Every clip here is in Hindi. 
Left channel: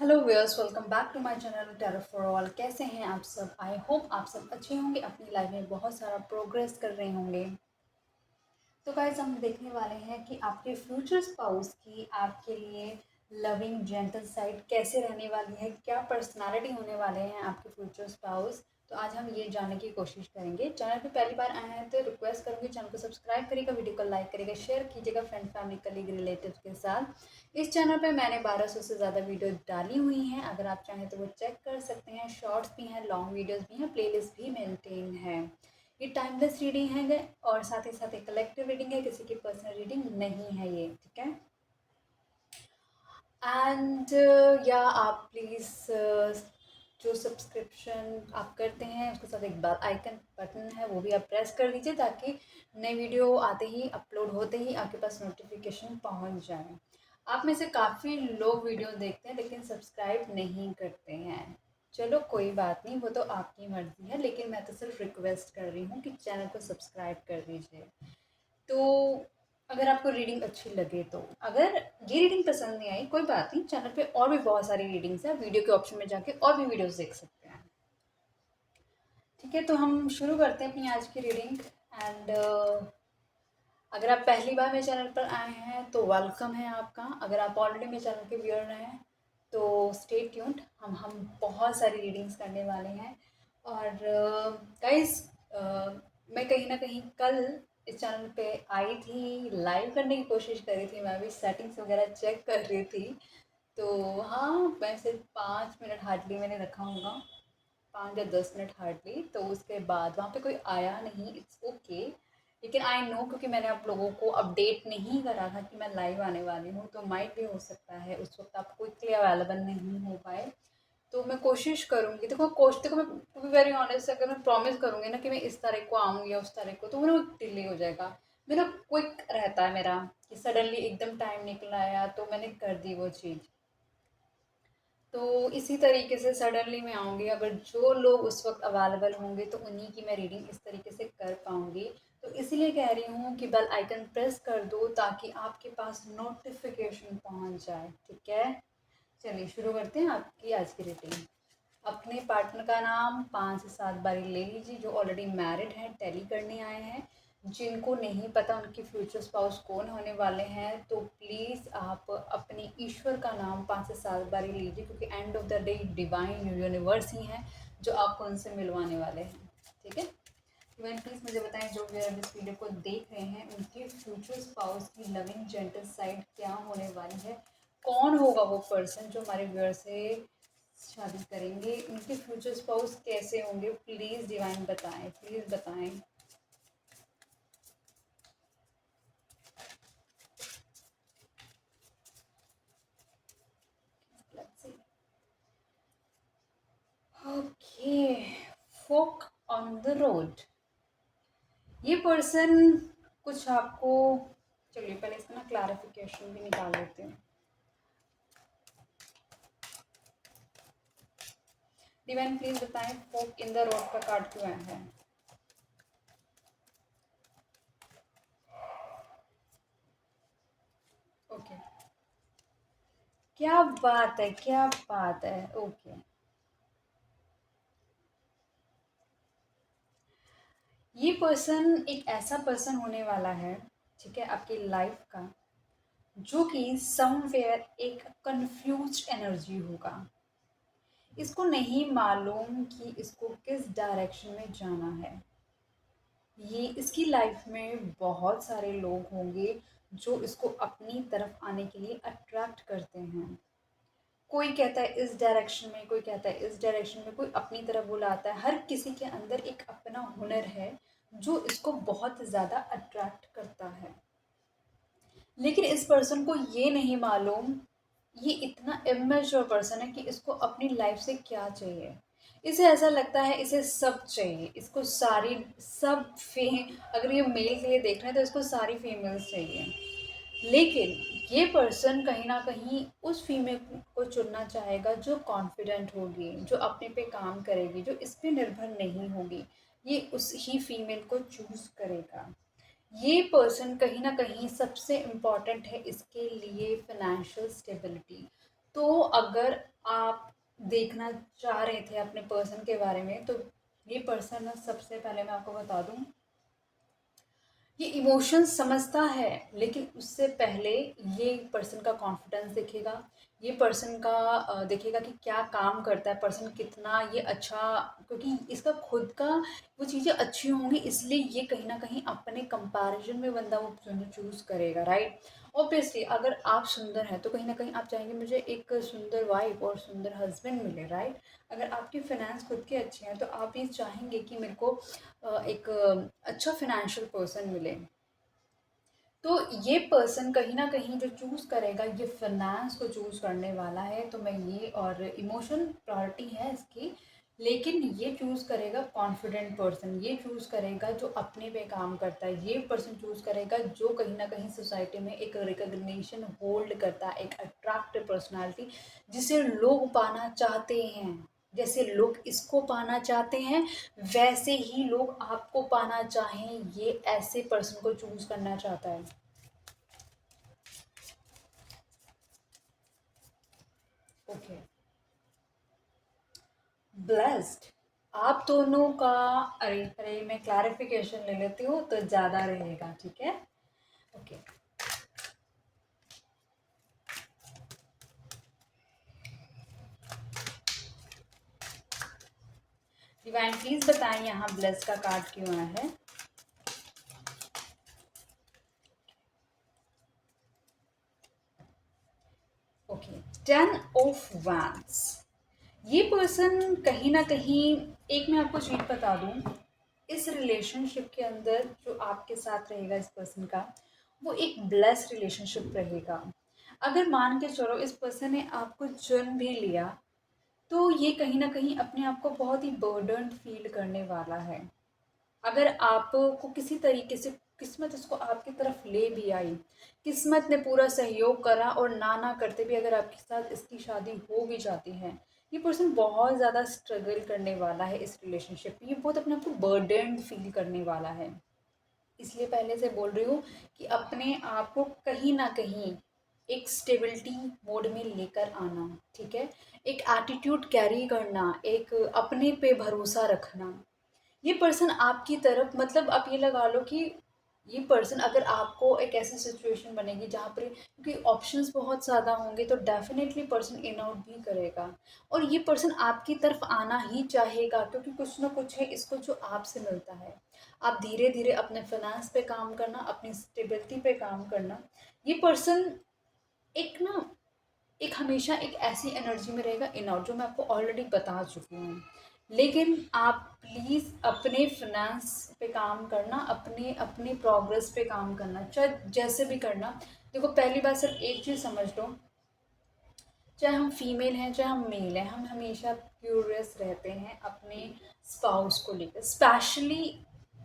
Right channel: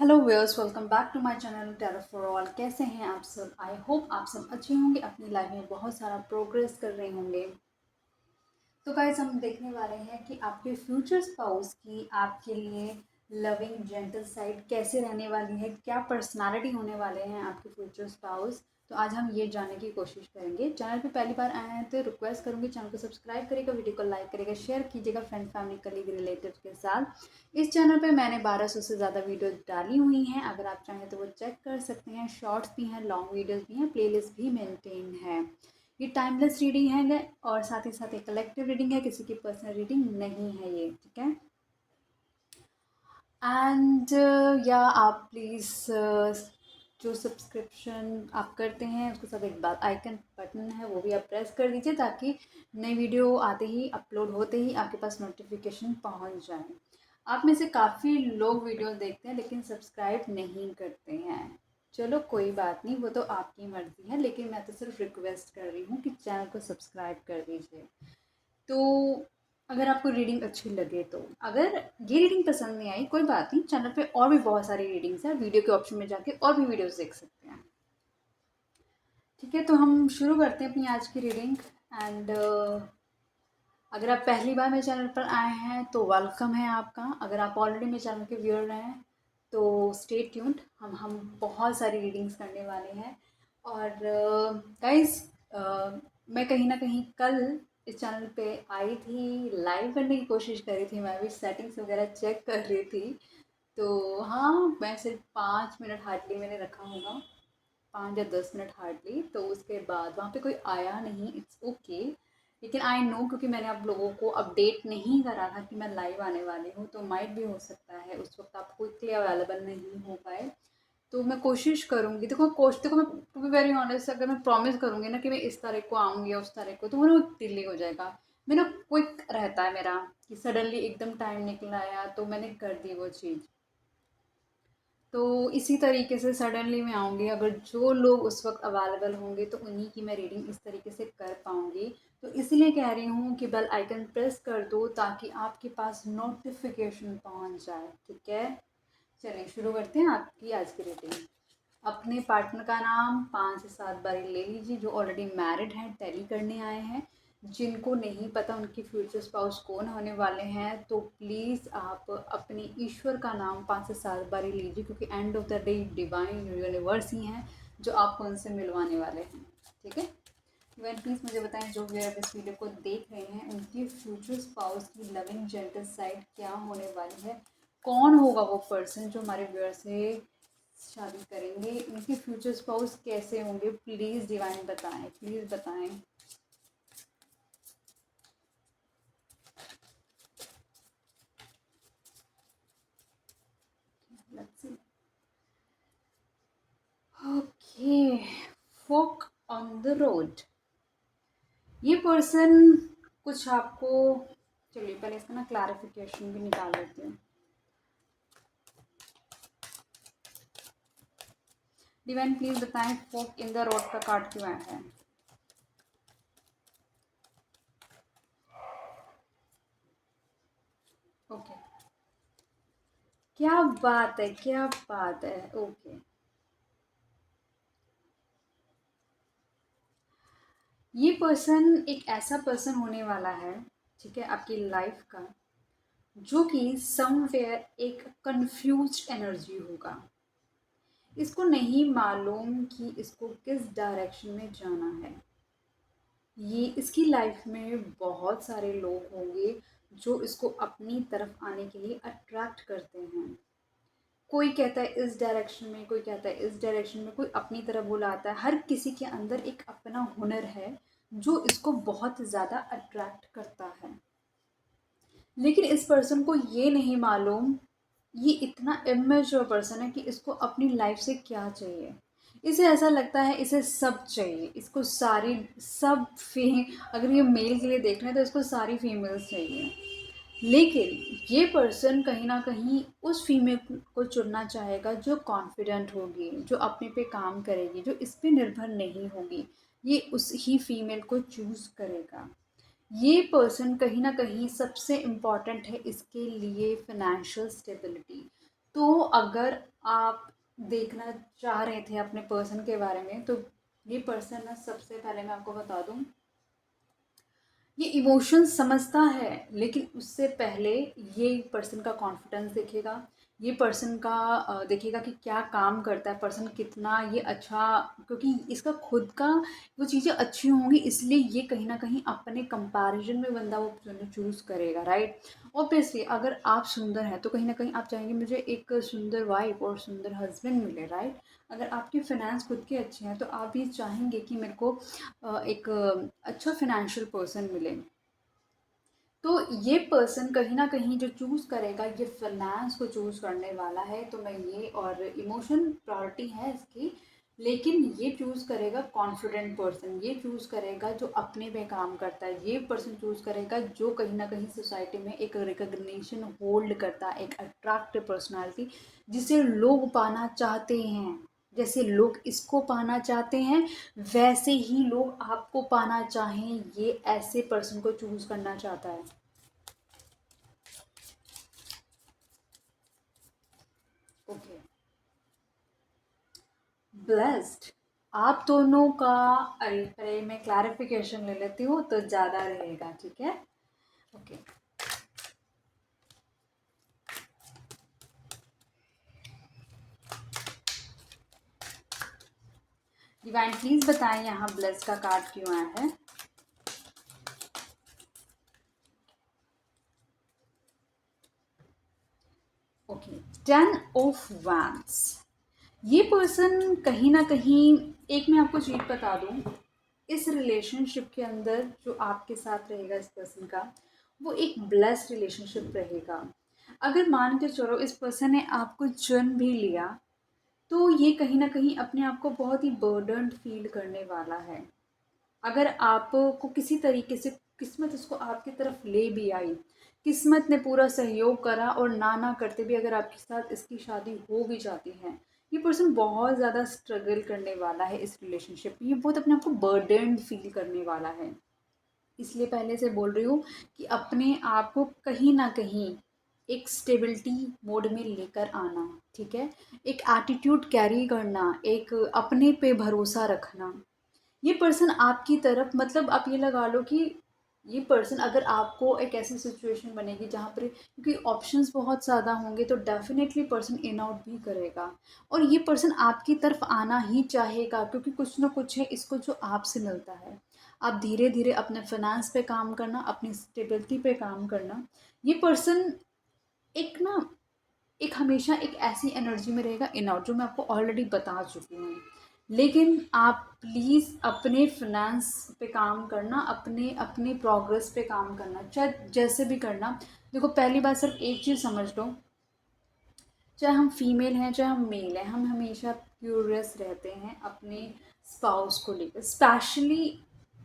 Hello viewers, welcome back to my channel टेरा फॉर ऑल। कैसे हैं आप सब? आई होप आप सब अच्छे होंगे, अपनी लाइफ में बहुत सारा प्रोग्रेस कर रहे होंगे। तो गाइस, हम देखने वाले हैं कि आपके फ्यूचर स्पाउस की आपके लिए लविंग जेंटल साइड कैसे रहने वाली है, क्या पर्सनालिटी होने वाले हैं आपके फ्यूचर स्पाउस। तो आज हम ये जानने की कोशिश करेंगे। चैनल पे पहली बार आए हैं तो रिक्वेस्ट करूँगी, चैनल को सब्सक्राइब करिएगा, वीडियो को लाइक करिएगा, शेयर कीजिएगा फ्रेंड फैमिली कलीग रिलेटिव्स के साथ। इस चैनल पे मैंने 1200 से ज़्यादा वीडियो डाली हुई हैं, अगर आप चाहें तो वो चेक कर सकते हैं। शॉर्ट्स भी हैं, लॉन्ग वीडियोज़ भी हैं, प्लेलिस्ट भी मेंटेन है। ये टाइमलेस रीडिंग है और साथ ही साथ एक कलेक्टिव रीडिंग है, किसी की पर्सनल रीडिंग नहीं है ये, ठीक है। एंड या आप प्लीज़ जो सब्सक्रिप्शन आप करते हैं उसके साथ एक बार आइकन बटन है वो भी आप प्रेस कर दीजिए, ताकि नई वीडियो आते ही अपलोड होते ही आपके पास नोटिफिकेशन पहुंच जाए। आप में से काफ़ी लोग वीडियोस देखते हैं लेकिन सब्सक्राइब नहीं करते हैं। चलो कोई बात नहीं, वो तो आपकी मर्ज़ी है, लेकिन मैं तो सिर्फ रिक्वेस्ट कर रही हूँ कि चैनल को सब्सक्राइब कर दीजिए। तो अगर आपको रीडिंग अच्छी लगे तो, अगर ये रीडिंग पसंद नहीं आई कोई बात नहीं, चैनल पे और भी बहुत सारी रीडिंग्स हैं, वीडियो के ऑप्शन में जाके और भी वीडियोस देख सकते हैं। ठीक है, तो हम शुरू करते हैं अपनी आज की रीडिंग। एंड अगर आप पहली बार मेरे चैनल पर आए हैं तो वेलकम है आपका। अगर आप ऑलरेडी मेरे चैनल के व्यूअर हैं तो स्टे ट्यून्ड, हम बहुत सारी रीडिंग्स करने वाले हैं। और गाइस, मैं कहीं ना कहीं कल इस चैनल पे आई थी, लाइव करने की कोशिश करी थी, मैं भी सेटिंग्स वगैरह चेक कर रही थी। तो हाँ, मैं सिर्फ 5 मिनट हार्डली मैंने रखा होगा, 5 या 10 मिनट हार्डली। तो उसके बाद वहाँ पे कोई आया नहीं, इट्स ओके। लेकिन आई नो, क्योंकि मैंने आप लोगों को अपडेट नहीं करा था कि मैं लाइव आने वाली हूँ, तो माइट भी हो सकता है उस वक्त आप क्विकली अवेलेबल नहीं हो पाए। तो मैं कोशिश करूँगी, देखो मैं टू बी वेरी ऑनेस्ट, अगर मैं प्रॉमिस करूँगी ना कि मैं इस तारीख को आऊँगी या उस तारीख को, तो वो ना डिले हो जाएगा। मेरा क्विक रहता है मेरा, कि सडनली एकदम टाइम निकल आया तो मैंने कर दी वो चीज़। तो इसी तरीके से सडनली मैं आऊँगी, अगर जो लोग उस वक्त अवेलेबल होंगे तो उन्हीं की मैं रीडिंग इस तरीके से कर पाऊँगी। तो इसीलिए कह रही हूँ कि बेल आइकन प्रेस कर दो ताकि आपके पास नोटिफिकेशन पहुँच जाए, ठीक है। चलिए शुरू करते हैं आपकी आज की रीडिंग। अपने पार्टनर का नाम 5 से 7 बारी ले लीजिए, जो ऑलरेडी मैरिड हैं, टेली करने आए हैं। जिनको नहीं पता उनके फ्यूचर स्पाउस कौन होने वाले हैं, तो प्लीज़ आप अपने ईश्वर का नाम 5 से 7 बारी लीजिए, क्योंकि end of the day divine universe ही हैं जो आपको उनसे मिलवाने वाले हैं, ठीक है। इवन प्लीज़ मुझे बताएं, जो व्यूअर इस वीडियो को देख रहे हैं, उनके फ्यूचर स्पाउस की लविंग जेंटल साइड क्या होने वाली है। कौन होगा वो पर्सन जो हमारे व्यूअर से शादी करेंगे, उनके फ्यूचर स्पाउस कैसे होंगे, प्लीज़ डिवाइन बताएं, प्लीज़ बताएं। Let's see. Okay, folk on the road. ये पर्सन कुछ आपको, चलिए पहले इसका ना क्लैरिफिकेशन भी निकाल लेती हूँ। डिवाइन प्लीज बताएं, फोक इन द रोड का कार्ड क्यों आया है। ओके, क्या बात है, क्या बात है। ओके, ये पर्सन एक ऐसा पर्सन होने वाला है, ठीक है, आपकी लाइफ का, जो कि समवेयर एक कंफ्यूज्ड एनर्जी होगा। इसको नहीं मालूम कि इसको किस डायरेक्शन में जाना है। ये इसकी लाइफ में बहुत सारे लोग होंगे जो इसको अपनी तरफ आने के लिए अट्रैक्ट करते हैं। कोई कहता है इस डायरेक्शन में, कोई कहता है इस डायरेक्शन में, कोई अपनी तरफ बुलाता है। हर किसी के अंदर एक अपना हुनर है जो इसको बहुत ज़्यादा अट्रैक्ट करता है। लेकिन इस पर्सन को ये नहीं मालूम, ये इतना इमेच्योर पर्सन है कि इसको अपनी लाइफ से क्या चाहिए। इसे ऐसा लगता है इसे सब चाहिए, इसको सारी सब फे अगर ये मेल के लिए देख रहे हैं तो इसको सारी फीमेल्स चाहिए। लेकिन ये पर्सन कहीं ना कहीं उस फीमेल को चुनना चाहेगा जो कॉन्फिडेंट होगी, जो अपने पे काम करेगी, जो इस पे निर्भर नहीं होगी। ये उस ही फीमेल को चूज़ करेगा। ये पर्सन कहीं ना कहीं सबसे इम्पॉर्टेंट है इसके लिए, फिनेंशियल स्टेबिलिटी। तो अगर आप देखना चाह रहे थे अपने पर्सन के बारे में, तो ये पर्सन ना, सबसे पहले मैं आपको बता दूं, ये इमोशंस समझता है, लेकिन उससे पहले ये पर्सन का कॉन्फिडेंस देखेगा, ये पर्सन का देखेगा कि क्या काम करता है पर्सन, कितना ये अच्छा, क्योंकि इसका खुद का वो चीज़ें अच्छी होंगी, इसलिए ये कहीं ना कहीं अपने कंपैरिजन में बंदा वो चूज़ करेगा, राइट। ऑब्वियसली अगर आप सुंदर हैं तो कहीं ना कहीं आप चाहेंगे मुझे एक सुंदर वाइफ और सुंदर हस्बैंड मिले, राइट। अगर आपकी फाइनेंस खुद के अच्छे हैं तो आप ये चाहेंगे कि मेरे को एक अच्छा फाइनेंशियल पर्सन मिले। तो ये पर्सन कहीं ना कहीं जो चूज़ करेगा, ये फाइनेंस को चूज़ करने वाला है, तो मैं ये, और इमोशन प्रायोरिटी है इसकी, लेकिन ये चूज़ करेगा कॉन्फिडेंट पर्सन, ये चूज़ करेगा जो अपने पे काम करता है, ये पर्सन चूज़ करेगा जो कहीं ना कहीं सोसाइटी में एक रिकग्निशन होल्ड करता है, एक अट्रैक्टिव पर्सनालिटी जिसे लोग पाना चाहते हैं। जैसे लोग इसको पाना चाहते हैं, वैसे ही लोग आपको पाना चाहें, ये ऐसे पर्सन को चूज करना चाहता है। ओके, ब्लेस्ड, आप दोनों का, अरे अरे मैं क्लैरिफिकेशन ले लेती हूँ तो ज़्यादा रहेगा, ठीक है। ओके, डिवाइन प्लीज बताएं यहाँ ब्लेस्ड का कार्ड क्यों आया है। ओके, 10 ऑफ वैंड्स, ये पर्सन कहीं ना कहीं, एक मैं आपको चीज बता दूं, इस रिलेशनशिप के अंदर जो आपके साथ रहेगा इस पर्सन का, वो एक ब्लेस्ड रिलेशनशिप रहेगा। अगर मान के चलो इस पर्सन ने आपको चुन भी लिया, तो ये कहीं ना कहीं अपने आप को बहुत ही बर्डन्ड फील करने वाला है। अगर आपको किसी तरीके से किस्मत इसको आपकी तरफ ले भी आई, किस्मत ने पूरा सहयोग करा और ना ना करते भी अगर आपके साथ इसकी शादी हो भी जाती है, ये पर्सन बहुत ज़्यादा स्ट्रगल करने वाला है इस रिलेशनशिप में, ये बहुत अपने आप को बर्डन्ड फील करने वाला है। इसलिए पहले से बोल रही हूँ कि अपने आप को कहीं ना कहीं एक स्टेबिलिटी मोड में लेकर आना, ठीक है। एक एटीट्यूड कैरी करना, एक अपने पे भरोसा रखना। ये पर्सन आपकी तरफ, मतलब आप ये लगा लो कि ये पर्सन, अगर आपको एक ऐसी सिचुएशन बनेगी जहाँ पर, क्योंकि ऑप्शंस बहुत ज़्यादा होंगे, तो डेफिनेटली पर्सन इन आउट भी करेगा, और ये पर्सन आपकी तरफ आना ही चाहेगा, क्योंकि कुछ ना कुछ है इसको जो आपसे मिलता है। आप धीरे धीरे अपने फाइनेंस पे काम करना, अपनी स्टेबिलिटी पे काम करना। ये पर्सन एक ना, एक हमेशा एक ऐसी एनर्जी में रहेगा इन आउट, जो मैं आपको ऑलरेडी बता चुकी हूँ। लेकिन आप प्लीज़ अपने फाइनेंस पे काम करना, अपने अपने प्रोग्रेस पे काम करना, चाहे जैसे भी करना। देखो, पहली बात सिर्फ एक चीज़ समझ लो, चाहे हम फीमेल हैं चाहे हम मेल हैं, हम हमेशा क्यूरियस रहते हैं अपने स्पाउस को लेकर, स्पेशली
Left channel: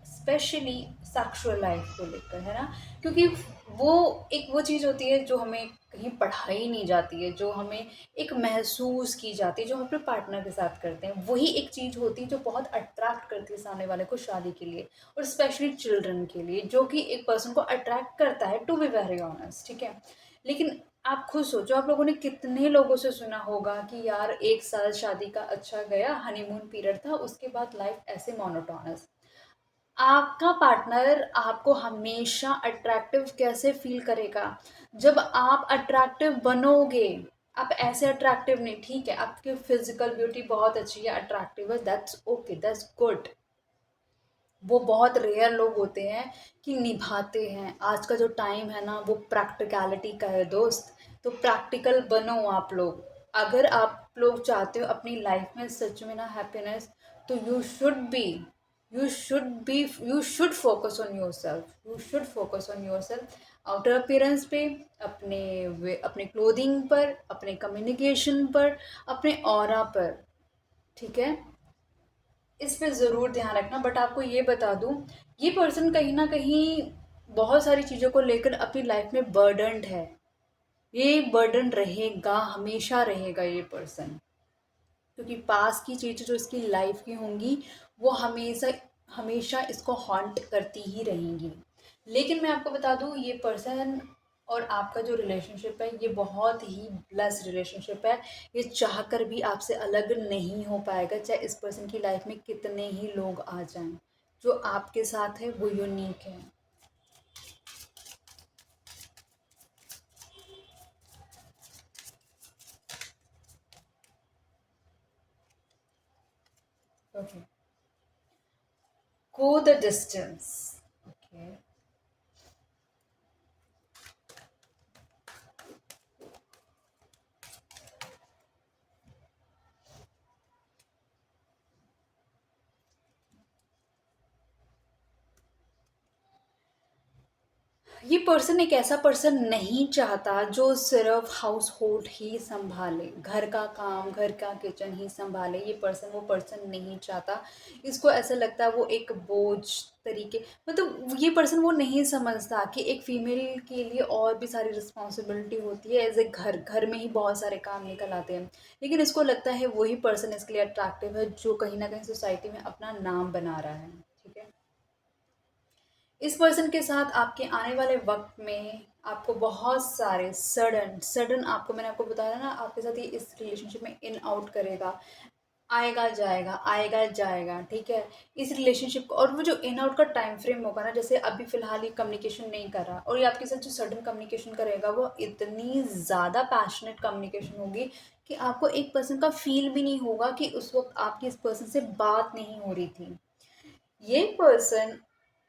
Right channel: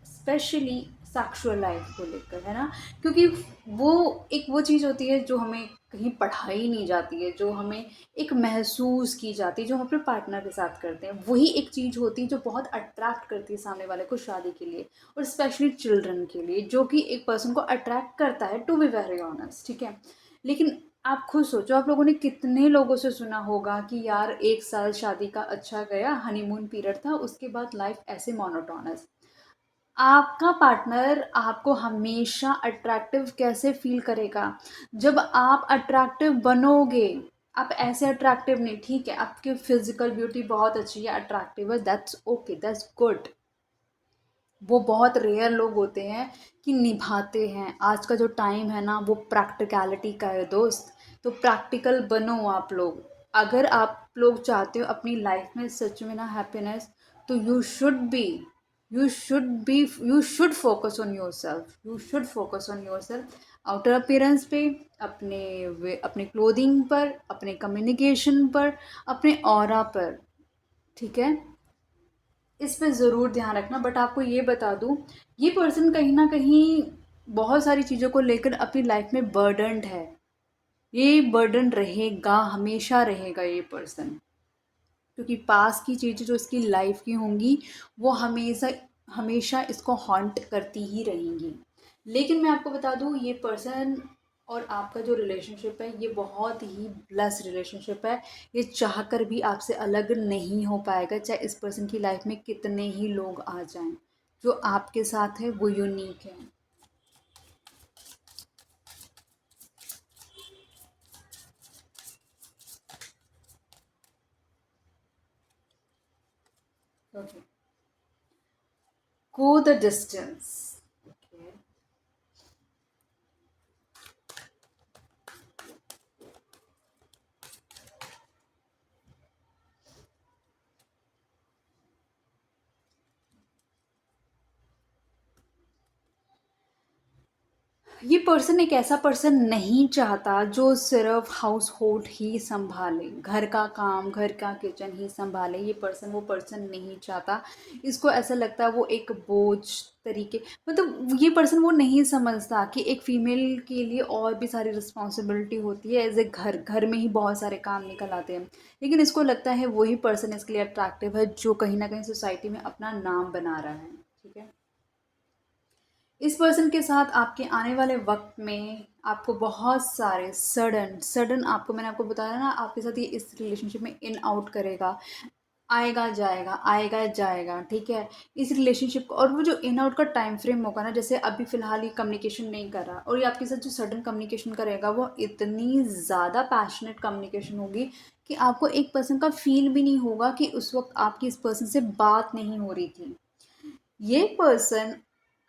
स्पेशली सेक्सुअल लाइफ को लेकर, है ना। क्योंकि वो एक वो चीज़ होती है जो हमें कहीं पढ़ाई नहीं जाती है, जो हमें एक महसूस की जाती है, जो हम अपने पार्टनर के साथ करते हैं, वही एक चीज़ होती है जो बहुत अट्रैक्ट करती है सामने वाले को शादी के लिए, और स्पेशली चिल्ड्रन के लिए, जो कि एक पर्सन को अट्रैक्ट करता है, टू बी वेरी ऑनेस्ट, ठीक है। लेकिन आप खुद सोचो, आप लोगों ने कितने लोगों से सुना होगा कि यार 1 साल शादी का अच्छा गया, हनीमून पीरियड था, उसके बाद लाइफ ऐसे मोनोटोनस। आपका पार्टनर आपको हमेशा अट्रैक्टिव कैसे फील करेगा? जब आप अट्रैक्टिव बनोगे। आप ऐसे अट्रैक्टिव नहीं, ठीक है, आपकी फिजिकल ब्यूटी बहुत अच्छी है, अट्रैक्टिव है, दैट्स ओके, दैट्स गुड। वो बहुत रेयर लोग होते हैं कि निभाते हैं। आज का जो टाइम है ना, वो प्रैक्टिकलिटी का है दोस्त। तो प्रैक्टिकल बनो आप लोग। अगर आप लोग चाहते हो अपनी लाइफ में सच में ना हैप्पीनेस, तो you should focus on your self, you should focus on your self. Outer appearance पे, अपने क्लोथिंग पर, अपने कम्युनिकेशन पर, अपने ऑरा पर, ठीक है। इस पे ज़रूर ध्यान रखना। बट आपको ये बता दूँ, ये पर्सन कहीं ना कहीं बहुत सारी चीज़ों को लेकर अपनी लाइफ में बर्डन्ड है। ये बर्डन रहेगा, हमेशा रहेगा ये पर्सन, क्योंकि पास की चीज़ें जो इसकी लाइफ की होंगी, वो हमेशा हमेशा इसको हॉन्ट करती ही रहेंगी। लेकिन मैं आपको बता दूँ, ये पर्सन और आपका जो रिलेशनशिप है ये बहुत ही ब्लेस्ड रिलेशनशिप है। ये चाहकर भी आपसे अलग नहीं हो पाएगा, चाहे इस पर्सन की लाइफ में कितने ही लोग आ जाएं। जो आपके साथ है वो यूनिक है। Okay, go the distance. Okay, ये पर्सन एक ऐसा पर्सन नहीं चाहता जो सिर्फ हाउस होल्ड ही संभाले, घर का काम, घर का किचन ही संभाले। ये पर्सन वो पर्सन नहीं चाहता। इसको ऐसा लगता है वो एक बोझ तरीके, मतलब ये पर्सन वो नहीं समझता कि एक फीमेल के लिए और भी सारी रिस्पॉन्सिबिलिटी होती है। एज ए घर घर में ही बहुत सारे काम निकल आते हैं, लेकिन इसको लगता है वही पर्सन इसके लिए अट्रैक्टिव है जो कहीं ना कहीं सोसाइटी में अपना नाम बना रहा है। ठीक है, इस पर्सन के साथ आपके आने वाले वक्त में आपको बहुत सारे सडन सडन, आपको मैंने आपको बताया ना, आपके साथ ये इस रिलेशनशिप में इन आउट करेगा, आएगा जाएगा। ठीक है, इस रिलेशनशिप को, और वो जो इन आउट का टाइम फ्रेम होगा ना, जैसे अभी फ़िलहाल ये कम्युनिकेशन नहीं कर रहा और ये आपके साथ जो सडन कम्युनिकेशन करेगा वो इतनी ज़्यादा पैशनेट कम्युनिकेशन होगी कि आपको एक पर्सन का फील भी नहीं होगा कि उस वक्त आपकी इस पर्सन से बात नहीं हो रही थी। ये पर्सन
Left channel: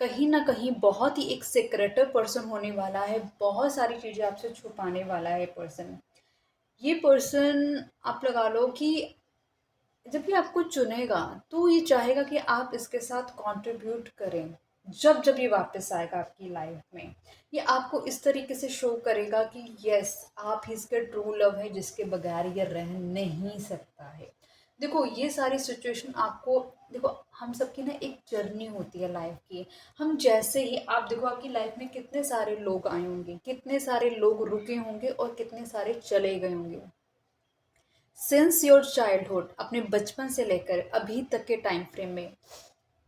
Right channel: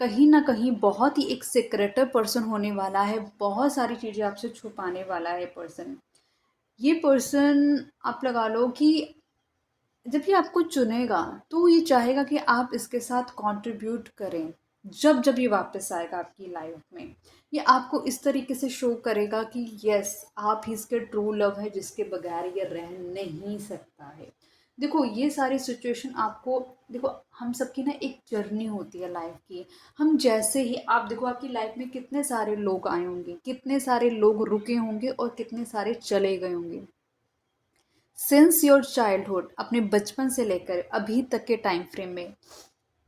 कहीं ना कहीं बहुत ही एक सिक्रेटिव पर्सन होने वाला है, बहुत सारी चीज़ें आपसे छुपाने वाला है पर्सन। ये पर्सन, आप लगा लो कि जब ये आपको चुनेगा तो ये चाहेगा कि आप इसके साथ कंट्रीब्यूट करें। जब जब ये वापस आएगा आपकी लाइफ में, ये आपको इस तरीके से शो करेगा कि यस, आप ही इसके ट्रू लव है जिसके बगैर ये रह नहीं सकता है। देखो ये सारी सिचुएशन आपको, देखो हम सबकी ना एक जर्नी होती है लाइफ की। हम जैसे ही, आप देखो आपकी लाइफ में कितने सारे लोग आए होंगे, कितने सारे लोग रुके होंगे और कितने सारे चले गए होंगे। सिंस योर चाइल्डहुड, अपने बचपन से लेकर अभी तक के टाइम फ्रेम में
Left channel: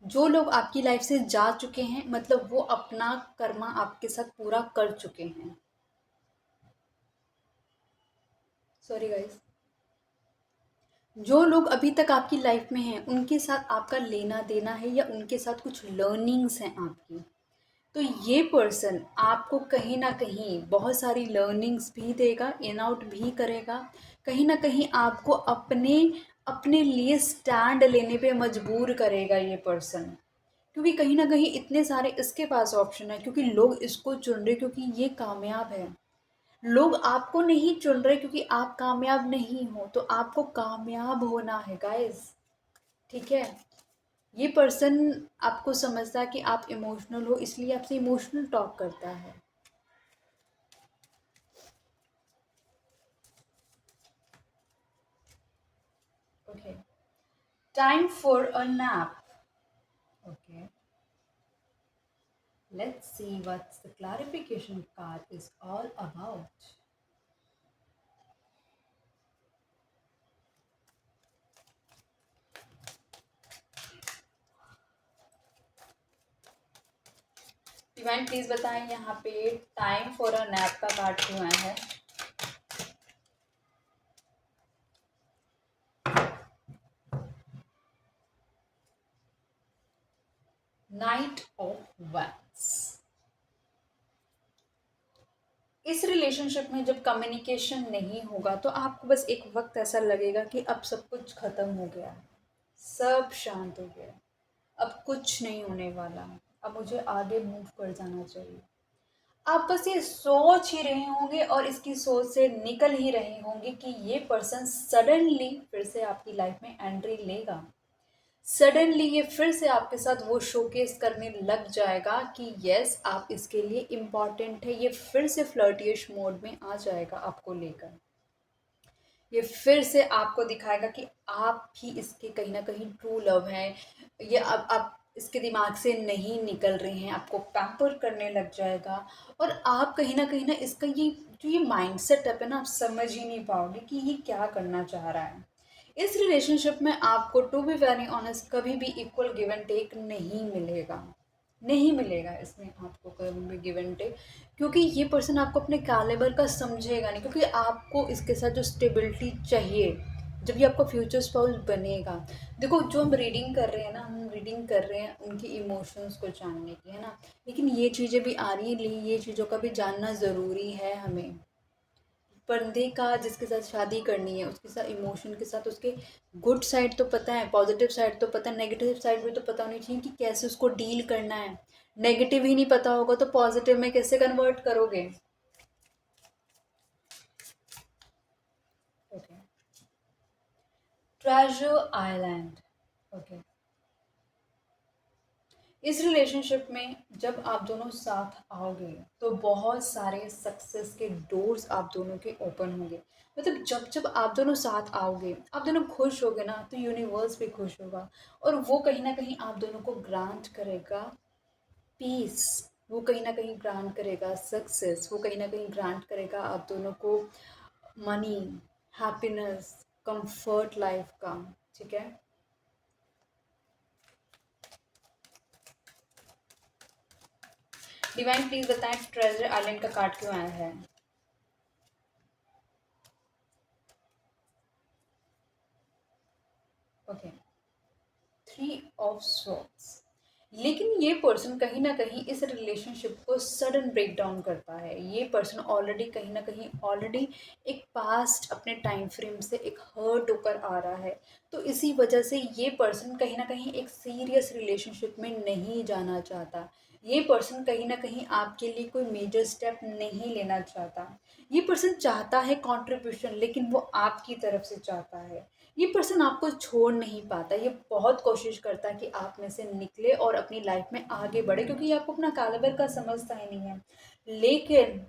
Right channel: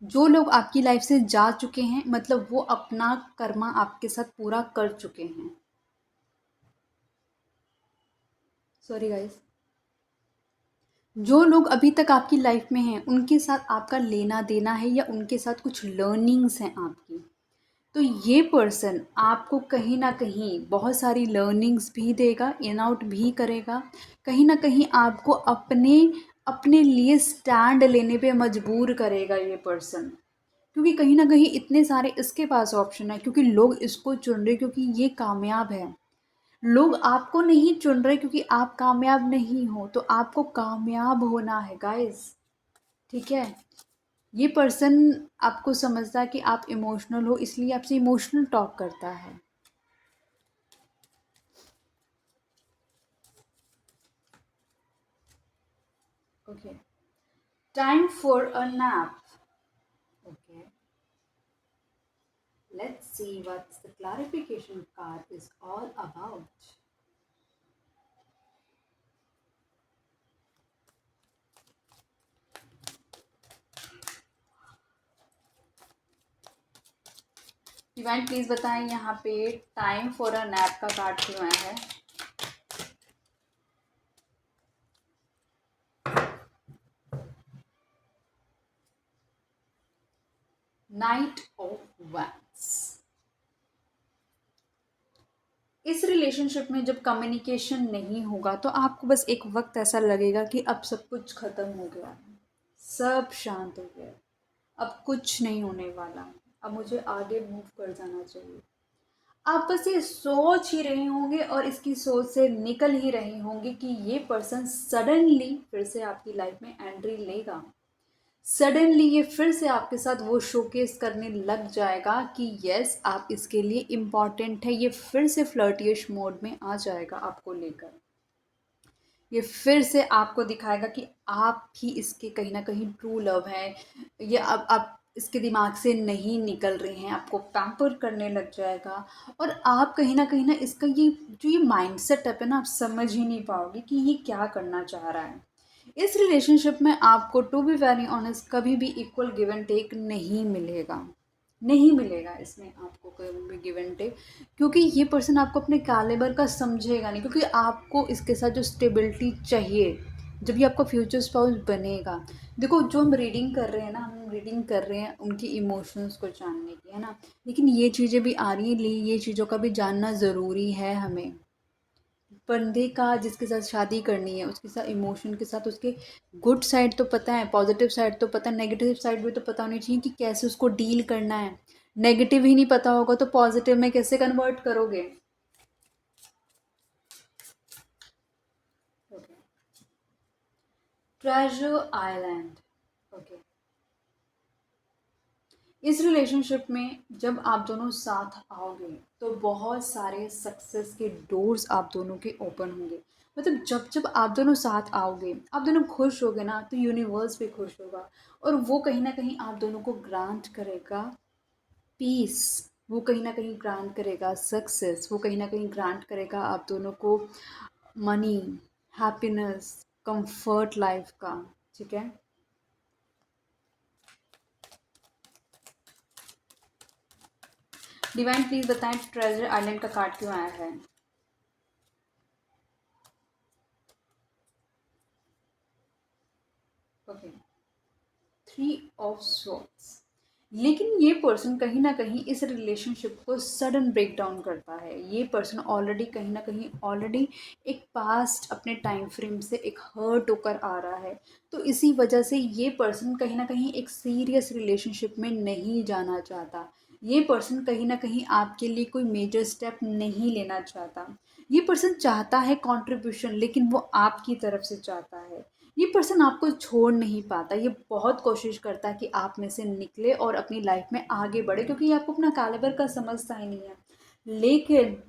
जो लोग आपकी लाइफ से जा चुके हैं, मतलब वो अपना कर्मा आपके साथ पूरा कर चुके हैं। सॉरी गाइस, जो लोग अभी तक आपकी लाइफ में हैं उनके साथ आपका लेना देना है या उनके साथ कुछ लर्निंग्स हैं आपकी। तो ये पर्सन आपको कहीं ना कहीं बहुत सारी लर्निंग्स भी देगा, इन आउट भी करेगा, कहीं ना कहीं आपको अपने अपने लिए स्टैंड लेने पे मजबूर करेगा ये पर्सन। क्योंकि कहीं ना कहीं इतने सारे इसके पास ऑप्शन है, क्योंकि लोग इसको चुन रहे क्योंकि ये कामयाब है। लोग आपको नहीं चुन रहे क्योंकि आप कामयाब नहीं हो, तो आपको कामयाब होना है गाइस। ठीक है, ये पर्सन आपको समझता है कि आप इमोशनल हो, इसलिए आपसे इमोशनल टॉक करता है। Okay, time for a nap. Okay, let's see what's the clarification card is all about. Divine please बताएं यहाँ पे टाइम फॉर अ नैप का कार्ड क्यों आया है। Night of wands. इस रिलेशनशिप में जब कम्युनिकेशन नहीं होगा तो आपको बस एक वक्त ऐसा लगेगा कि अब सब कुछ खत्म हो गया है, सब शांत हो गया, अब कुछ नहीं होने वाला, अब मुझे आगे मूव कर जाना चाहिए। आप बस ये सोच ही रहे होंगे और इसकी सोच से निकल ही रहे होंगे कि ये पर्सन सडनली फिर से आपकी लाइफ में एंट्री लेगा। सडनली ये फिर से आपके साथ वो शोकेस करने लग जाएगा कि यस, आप इसके लिए इम्पॉर्टेंट है। ये फिर से फ्लर्टियश मोड में आ जाएगा आपको लेकर। ये फिर से आपको दिखाएगा कि आप ही इसके कहीं ना कहीं ट्रू लव हैं। ये अब आप इसके दिमाग से नहीं निकल रहे हैं, आपको पैम्पर करने लग जाएगा। और आप कहीं ना इसका ये जो ये माइंड सेटअप है ना, आप समझ ही नहीं पाओगे कि ये क्या करना चाह रहा है। इस रिलेशनशिप में आपको टू बी वेरी ऑनेस्ट कभी भी इक्वल गिव एंड टेक नहीं मिलेगा। नहीं मिलेगा इसमें आपको कभी भी गिव एंड टेक, क्योंकि ये पर्सन आपको अपने कैलिबर का समझेगा नहीं, क्योंकि आपको इसके साथ जो स्टेबिलिटी चाहिए जब ये आपका फ्यूचर स्पाउस बनेगा। देखो, जो हम रीडिंग कर रहे हैं ना, हम रीडिंग कर रहे हैं उनकी इमोशंस को जानने की, है ना, लेकिन ये चीज़ें भी आ रही हैं, ये चीज़ों का भी जानना ज़रूरी है हमें। बंदे का जिसके साथ शादी करनी है उसके साथ इमोशन के साथ उसके गुड साइड तो पता है, पॉजिटिव साइड तो पता है, नेगेटिव साइड भी तो पता होनी चाहिए कि कैसे उसको डील करना है। नेगेटिव ही नहीं पता होगा तो पॉजिटिव में कैसे कन्वर्ट करोगे? Okay, treasure island. ओके, इस रिलेशनशिप में जब आप दोनों साथ आओगे तो बहुत सारे सक्सेस के डोर्स आप दोनों के ओपन होंगे। मतलब जब जब आप दोनों साथ आओगे, आप दोनों खुश होगे ना, तो यूनिवर्स भी खुश होगा, और वो कहीं ना कहीं आप दोनों को ग्रांट करेगा पीस, वो कहीं ना कहीं ग्रांट करेगा सक्सेस, वो कहीं ना कहीं ग्रांट करेगा आप दोनों को मनी, हैप्पीनेस, कंफर्ट लाइफ का। ठीक है, डिवाइन प्लीज बताएं ट्रेजर आइलैंड का कार्ड क्यों आया है? Okay, 3 of swords. लेकिन ये पर्सन कहीं ना कहीं इस रिलेशनशिप को सडन ब्रेक डाउन करता है। ये पर्सन ऑलरेडी कहीं ना कहीं ऑलरेडी एक पास्ट अपने टाइम फ्रेम से एक हर्ट होकर आ रहा है, तो इसी वजह से ये पर्सन कहीं ना कहीं एक सीरियस रिलेशनशिप में नहीं जाना चाहता। ये पर्सन कहीं ना कहीं आपके लिए कोई मेजर स्टेप नहीं लेना चाहता। ये पर्सन चाहता है कंट्रीब्यूशन, लेकिन वो आपकी तरफ से चाहता है। ये पर्सन आपको छोड़ नहीं पाता, ये बहुत कोशिश करता है कि आप में से निकले और अपनी लाइफ में आगे बढ़े, क्योंकि ये आपको अपना कैलिबर का समझता ही नहीं है। लेकिन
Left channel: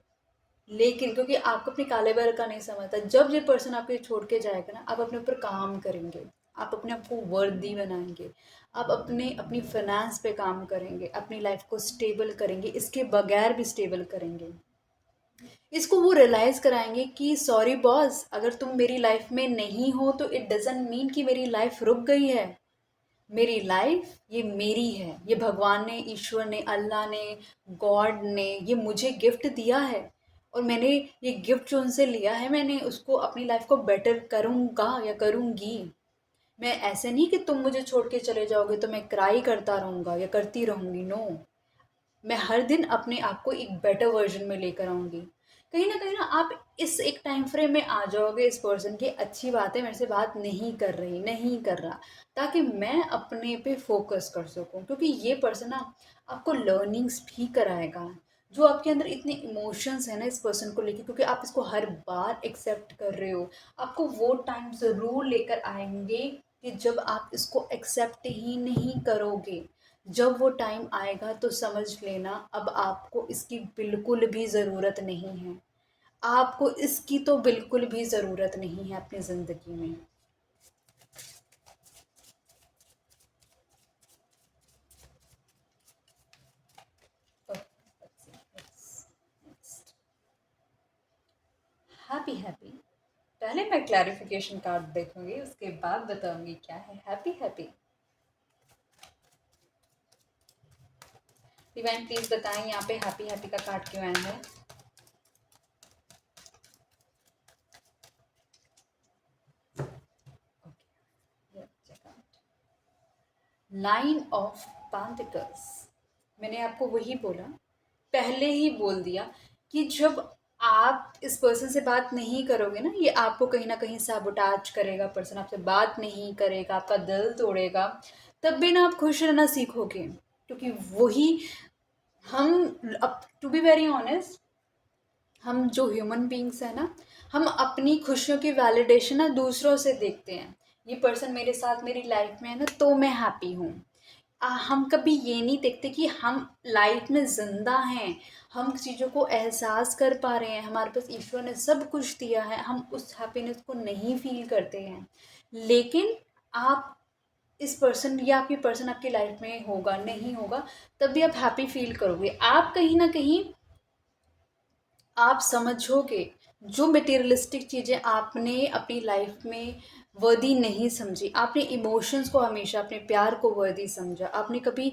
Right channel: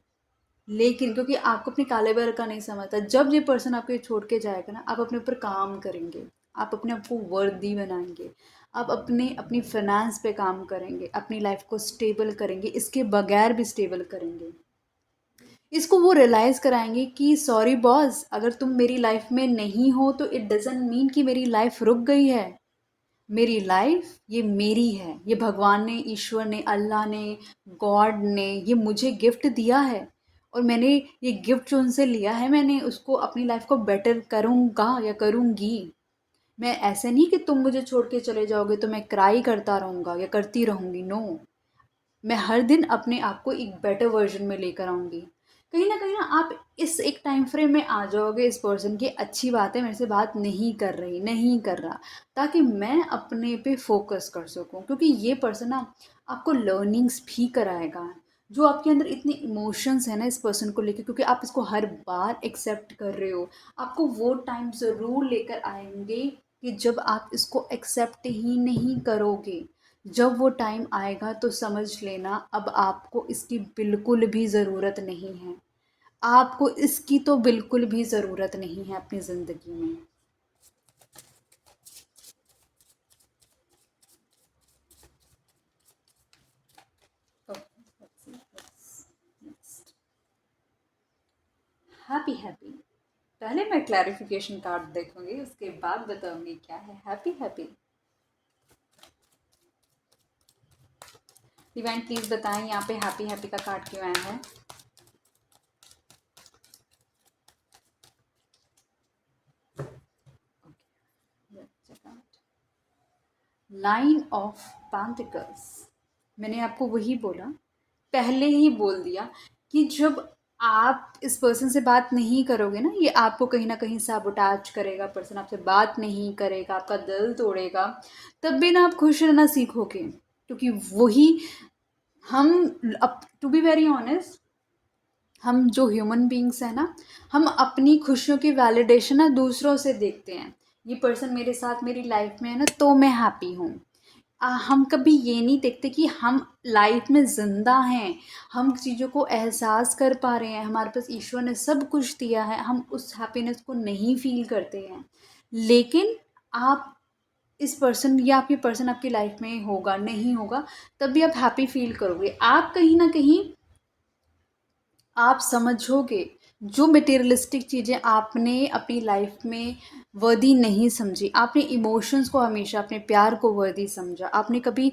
लेकिन क्योंकि आपको अपने कैलिबर का नहीं समझता, जब ये पर्सन आपको छोड़ के जाएगा ना, आप अपने ऊपर काम करेंगे, आप अपने आप को वर्दी बनाएंगे, आप अपने अपनी फाइनेंस पे काम करेंगे, अपनी लाइफ को स्टेबल करेंगे, इसके बगैर भी स्टेबल करेंगे। इसको वो रियलाइज़ कराएंगे कि सॉरी बॉस, अगर तुम मेरी लाइफ में नहीं हो तो इट डजेंट मीन कि मेरी लाइफ रुक गई है। मेरी लाइफ ये मेरी है, ये भगवान ने, ईश्वर ने, अल्लाह ने, गॉड ने ये मुझे गिफ्ट दिया है, और मैंने ये गिफ्ट जो उनसे लिया है, मैंने उसको अपनी लाइफ को बेटर करूँगा या करूँगी। मैं ऐसे नहीं कि तुम मुझे छोड़ के चले जाओगे तो मैं क्राई करता रहूँगा या करती रहूँगी, नो। मैं हर दिन अपने आप को एक बेटर वर्जन में लेकर आऊँगी। कहीं ना आप इस एक टाइम फ्रेम में आ जाओगे इस पर्सन की, अच्छी बात है, मेरे से बात नहीं कर रही, नहीं कर रहा, ताकि मैं अपने पे फोकस कर सकूं, क्योंकि ये पर्सन ना आपको लर्निंग्स भी कराएगा। जो आपके अंदर इतने इमोशंस है ना इस पर्सन को लेकर, क्योंकि आप इसको हर बार एक्सेप्ट कर रहे हो, आपको वो टाइम ज़रूर लेकर आएंगे कि जब आप इसको एक्सेप्ट ही नहीं करोगे। जब वो टाइम आएगा तो समझ लेना, अब आपको इसकी बिल्कुल भी ज़रूरत नहीं है। आपको इसकी तो बिल्कुल भी ज़रूरत नहीं है अपनी ज़िंदगी में। Happy happy. पहले मैं क्लैरिफिकेशन कार्ड देखूंगी, उसके बाद बताऊंगी क्या है हैप्पी हैप्पी। डिवाइन प्लीज बताएं यहाँ पे हैप्पी हैप्पी का कार्ड क्यों आया है? Nine of pentacles. मैंने आपको वही बोला, पहले ही बोल दिया कि जब आप इस पर्सन से बात नहीं करोगे ना, ये आपको कहीं ना कहीं साबोटाज करेगा, पर्सन आपसे बात नहीं करेगा, आपका दिल तोड़ेगा, तब भी ना आप खुश रहना सीखोगे, क्योंकि वही हम, अब टू बी वेरी ऑनेस्ट, हम जो ह्यूमन बींग्स हैं ना, हम अपनी खुशियों की वैलिडेशन ना दूसरों से देखते हैं। ये पर्सन मेरे साथ मेरी लाइफ में है ना तो मैं हैप्पी हूँ। हम कभी ये नहीं देखते कि हम लाइफ में ज़िंदा हैं, हम चीज़ों को एहसास कर पा रहे हैं, हमारे पास ईश्वर ने सब कुछ दिया है, हम उस हैप्पीनेस को नहीं फील करते हैं। लेकिन आप इस पर्सन या आपकी पर्सन आपकी लाइफ में होगा नहीं होगा, तब भी आप हैप्पी फील करोगे। आप कहीं ना कहीं आप समझोगे जो मटेरियलिस्टिक चीज़ें आपने अपनी लाइफ में वर्दी नहीं समझी, आपने इमोशंस को हमेशा अपने प्यार को वर्दी समझा, आपने कभी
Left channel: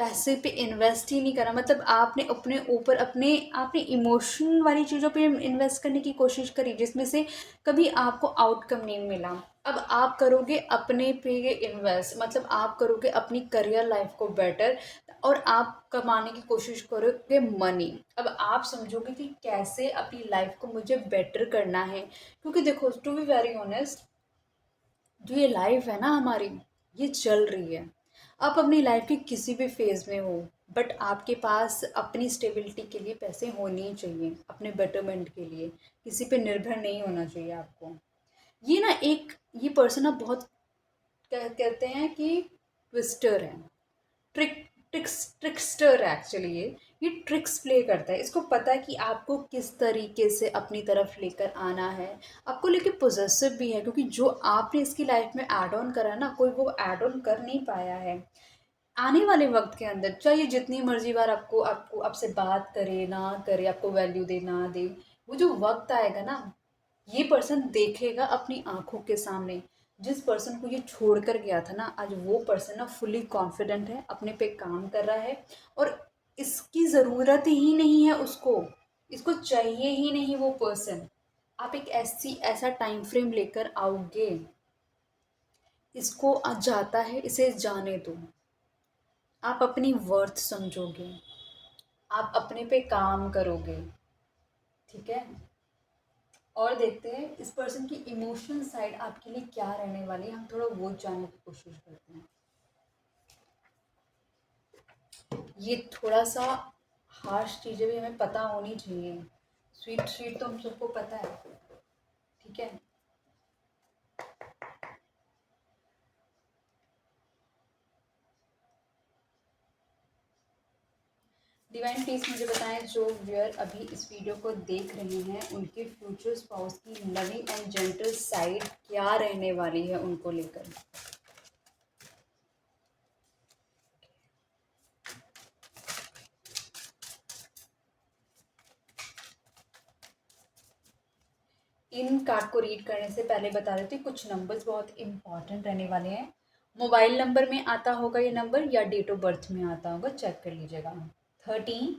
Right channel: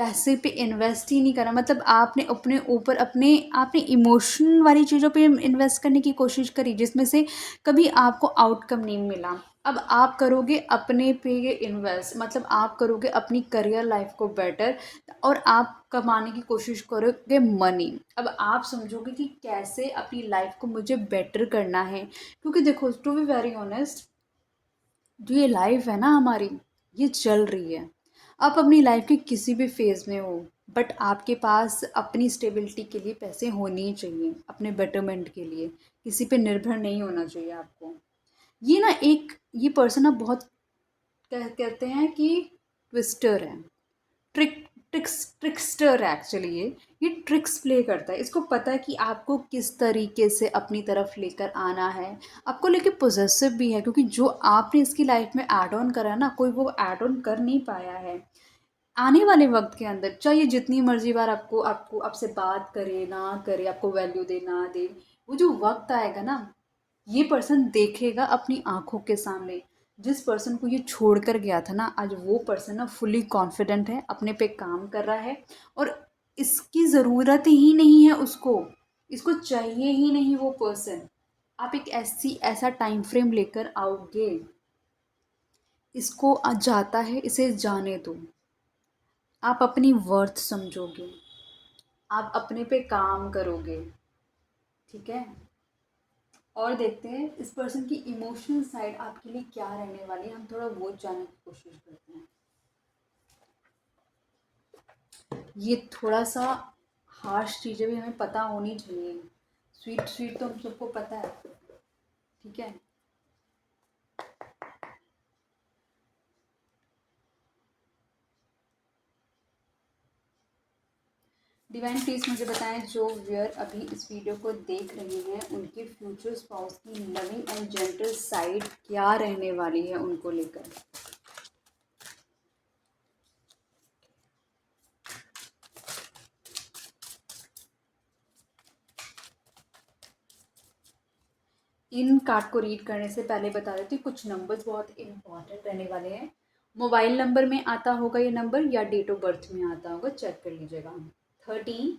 पैसे पे इन्वेस्ट ही नहीं करना, मतलब आपने अपने ऊपर अपने आपने इमोशन वाली चीज़ों पे इन्वेस्ट करने की कोशिश करी जिसमें से कभी आपको आउटकम नहीं मिला। अब आप करोगे अपने पे इन्वेस्ट, मतलब आप करोगे अपनी करियर लाइफ को बेटर, और आप कमाने की कोशिश करोगे मनी। अब आप समझोगे कि कैसे अपनी लाइफ को मुझे बेटर करना है, क्योंकि देखो टू बी वेरी ऑनेस्ट, जो ये लाइफ है ना हमारी, ये चल रही है। आप अपनी लाइफ के किसी भी फेज़ में हो, बट आपके पास अपनी स्टेबिलिटी के लिए पैसे होने ही चाहिए, अपने बेटरमेंट के लिए। किसी पे निर्भर नहीं होना चाहिए आपको। ये ना एक ये पर्सन ना बहुत कहते हैं कि ट्विस्टर है, ट्रिक्स्टर है एक्चुअली। ये ट्रिक्स प्ले करता है। इसको पता है कि आपको किस तरीके से अपनी तरफ लेकर आना है। आपको लेके पोजेसिव भी है, क्योंकि जो आपने इसकी लाइफ में ऐड ऑन करा है ना, कोई वो ऐड ऑन कर नहीं पाया है। आने वाले वक्त के अंदर चाहे जितनी मर्जी बार आपको आपको आपसे बात करे ना करे, आपको वैल्यू दे ना दे, वो जो वक्त आएगा ना, ये पर्सन देखेगा अपनी आंखों के सामने। जिस पर्सन को ये छोड़ कर गया था ना, आज वो पर्सन ना फुली कॉन्फिडेंट है, अपने पे काम कर रहा है, और इसकी ज़रूरत ही नहीं है उसको, इसको चाहिए ही नहीं वो पर्सन। आप एक ऐसा टाइम फ्रेम लेकर आओगे, इसको जाता है, इसे जाने दो। आप अपनी वर्थ समझोगे, आप अपने पे काम करोगे, ठीक है। और देखते हैं इस पर्सन की इमोशनल साइड आपके लिए क्या रहने वाली है, हम थोड़ा वो जानने की कोशिश करते हैं। ये थोड़ा सा हार्श चीज़ें भी हमें पता होनी चाहिए। स्वीट स्वीट तो हम सबको पता है, ठीक है। डिवाइन प्लीज मुझे बताएं, जो व्यूअर अभी इस वीडियो को देख रहे हैं, उनके फ्यूचर स्पाउस की लविंग एंड जेंटल साइड क्या रहने वाली है उनको लेकर। इन कार्ड को रीड करने से पहले बता देती हूँ, कुछ नंबर्स बहुत इंपॉर्टेंट रहने वाले हैं। मोबाइल नंबर में आता होगा ये नंबर, या डेट ऑफ बर्थ में आता होगा, चेक कर लीजिएगा। 13,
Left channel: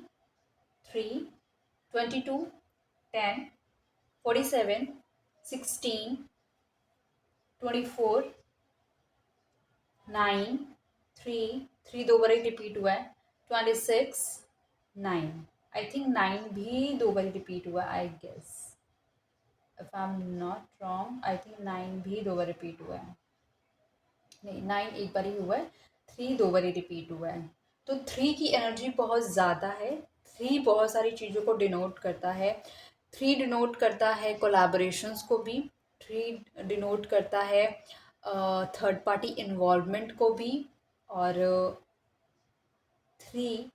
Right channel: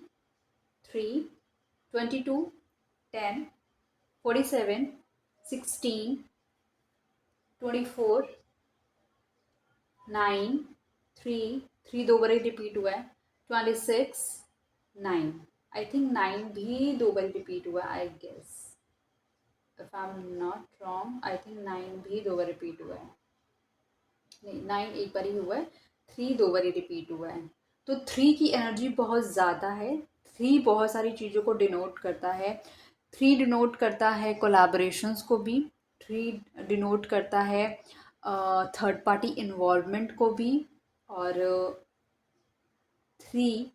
3, 22, 10, 47, 16, 24, 9, 3 दो बार रिपीट हुआ है, 26, 9। आई थिंक 9 भी दो बार रिपीट हुआ, I guess if I am not wrong, I think 9 भी दो बार रिपीट हुआ है। नहीं, 9 एक बार ही हुआ है, 3 दो बार रिपीट हुआ है। तो 3 की एनर्जी बहुत ज़्यादा है। 3 बहुत सारी चीज़ों को डिनोट करता है। 3 डिनोट करता है कोलैबोरेशंस को भी। 3 डिनोट करता है थर्ड पार्टी इन्वॉल्वमेंट को भी। और 3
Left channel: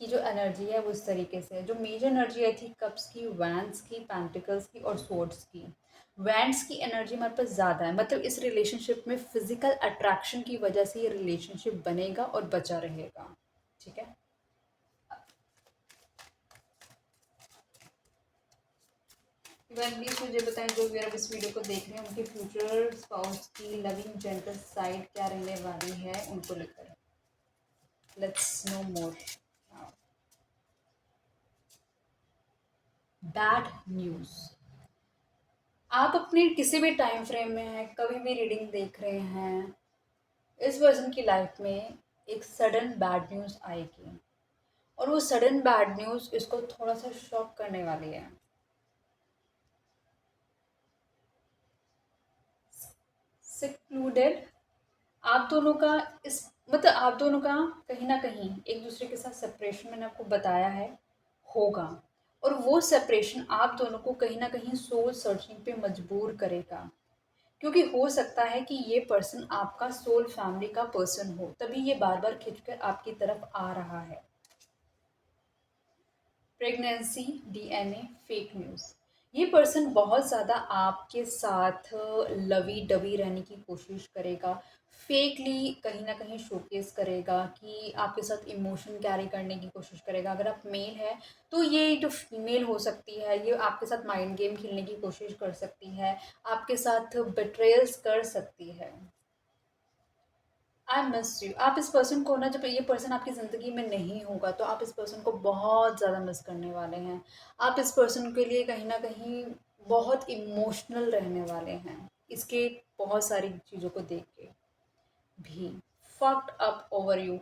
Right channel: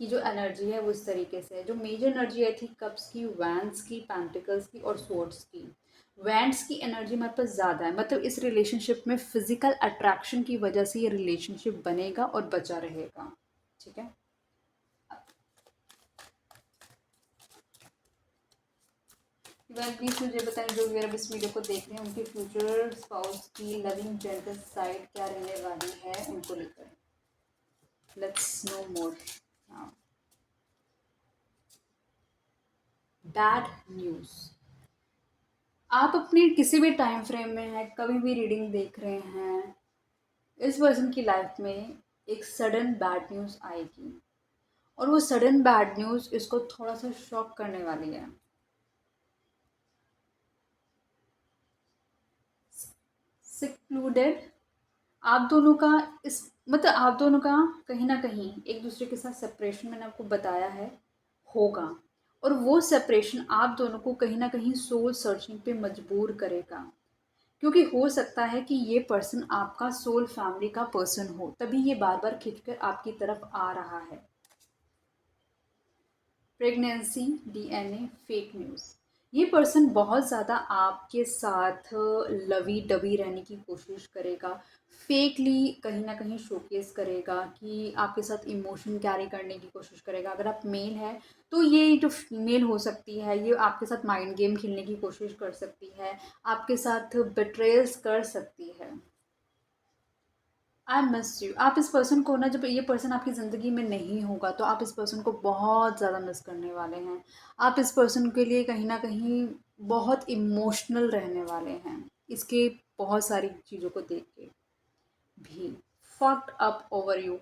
की जो एनर्जी है वो इस तरीके से है। जो मेजर एनर्जी आई थी कप्स की, वैंड्स की, पेंटिकल्स की और स्वॉर्ड्स की। वैंड्स की एनर्जी हमारे पास ज़्यादा है, मतलब इस रिलेशनशिप में फिजिकल अट्रैक्शन की वजह से ये रिलेशनशिप बनेगा और बचा रहेगा, ठीक है। प्लीज मुझे बताएं, जो व्यूअर इस वीडियो को देख रहे हैं, उनके फ्यूचर स्पाउस की लविंग जेंटल साइड क्या रहने वाली है उनको लेकर। Let's no more. Bad news. आप अपने किसी भी टाइम फ्रेम में हैं, कभी भी रीडिंग देख रहे हैं, इस पर्सन की लाइफ में एक सडन बैड न्यूज़ आएगी, और वो सडन बैड न्यूज़ इसको थोड़ा सा शॉक करने वाली है। सिक्लूडेड, आप दोनों का इस मतलब आप दोनों का कहीं ना कहीं एक दूसरे के साथ सेपरेशन, मैंने आपको बताया है, होगा। और वो सेपरेशन आप दोनों को कहीं ना कहीं सोल सर्चिंग पे मजबूर करेगा, क्योंकि हो सकता है कि ये पर्सन आपका सोल फैमिली का पर्सन हो, तभी ये बार बार खिंचकर आपकी तरफ आ रहा है। Pregnancy, DNA, fake news. ये पर्सन बहुत ज़्यादा आपके साथ लवी डबी रहने की कोशिश करेगा, फेकली कहीं ना कहीं शोकेस करेगा कि आपके साथ इमोशन कैरी करने की कोशिश करेगा। अगर आप मेल है तो ये जो फीमेल हो सकती है, ये आपके साथ माइंड गेम खेलने की कोशिश कर सकती है, आपके साथ बिट्रेयल्स कर सकती है। I miss you. आप इस पर्सन को ना, जब ये पर्सन आपकी ज़िंदगी में नहीं होगा तो आप इस पर्सन को बहुत ज़्यादा मिस करने वाले हैं। आप इस पर्सन के लिए कहीं ना कहीं बहुत इमोशनल रहने वाले हैं, इसके बहुत सारी चीज़ों को देख के भी। Fucked up over you.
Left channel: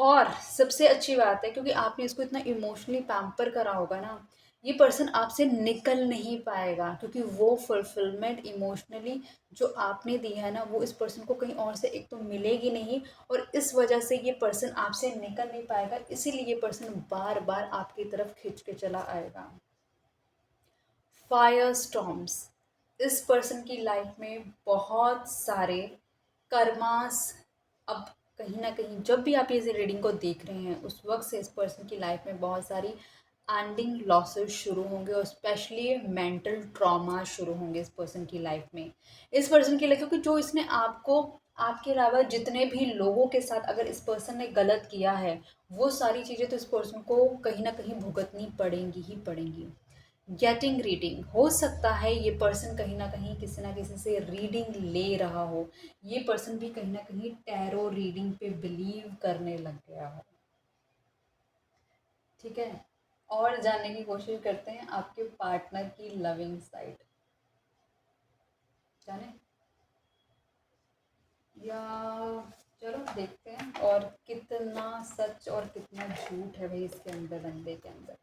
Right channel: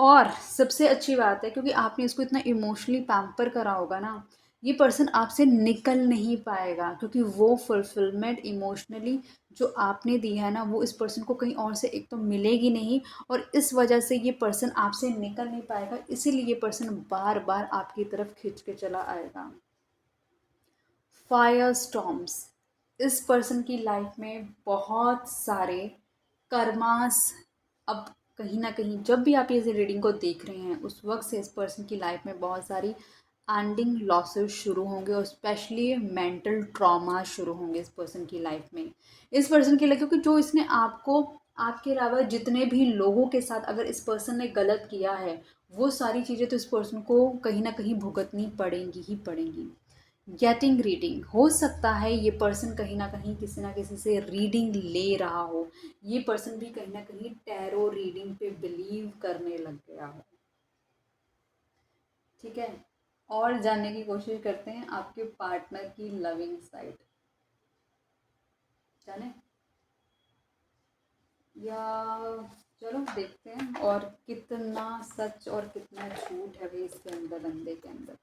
और सबसे अच्छी बात है, क्योंकि आपने इसको इतना इमोशनली पैम्पर करा होगा ना, ये पर्सन आपसे निकल नहीं पाएगा, क्योंकि वो फुलफिलमेंट इमोशनली जो आपने दी है ना, वो इस पर्सन को कहीं और से एक तो मिलेगी नहीं, और इस वजह से ये पर्सन आपसे निकल नहीं पाएगा, इसीलिए ये पर्सन बार बार आपकी तरफ खिंच के चला आएगा। Fire storms. इस पर्सन की लाइफ में बहुत सारे कर्मास, अब कहीं ना कहीं जब भी आप ये रीडिंग को देख रहे हैं उस वक्त से इस पर्सन की लाइफ में बहुत सारी एंडिंग लॉसेस शुरू होंगे, और स्पेशली मेंटल ट्रॉमा शुरू होंगे इस पर्सन की लाइफ में। इस पर्सन की लाइफ, क्योंकि जो इसने आपको, आपके अलावा जितने भी लोगों के साथ अगर इस पर्सन ने गलत किया है, वो सारी चीज़ें तो इस पर्सन को कहीं ना कहीं भुगतनी पड़ेंगी ही पड़ेंगी। गेटिंग रीडिंग, हो सकता है ये पर्सन कहीं ना किसी से रीडिंग ले रहा हो, ये पर्सन भी कहीं ना कहीं टैरो रीडिंग पे बिलीव करने लग गया हो। ठीक है, और जानने की कोशिश करते हैं आपके पार्टनर की लविंग साइड। जाने या चलो देखते हैं, और कितना सच और कितना झूठ है भाई इसके अंदर, बंदे के अंदर।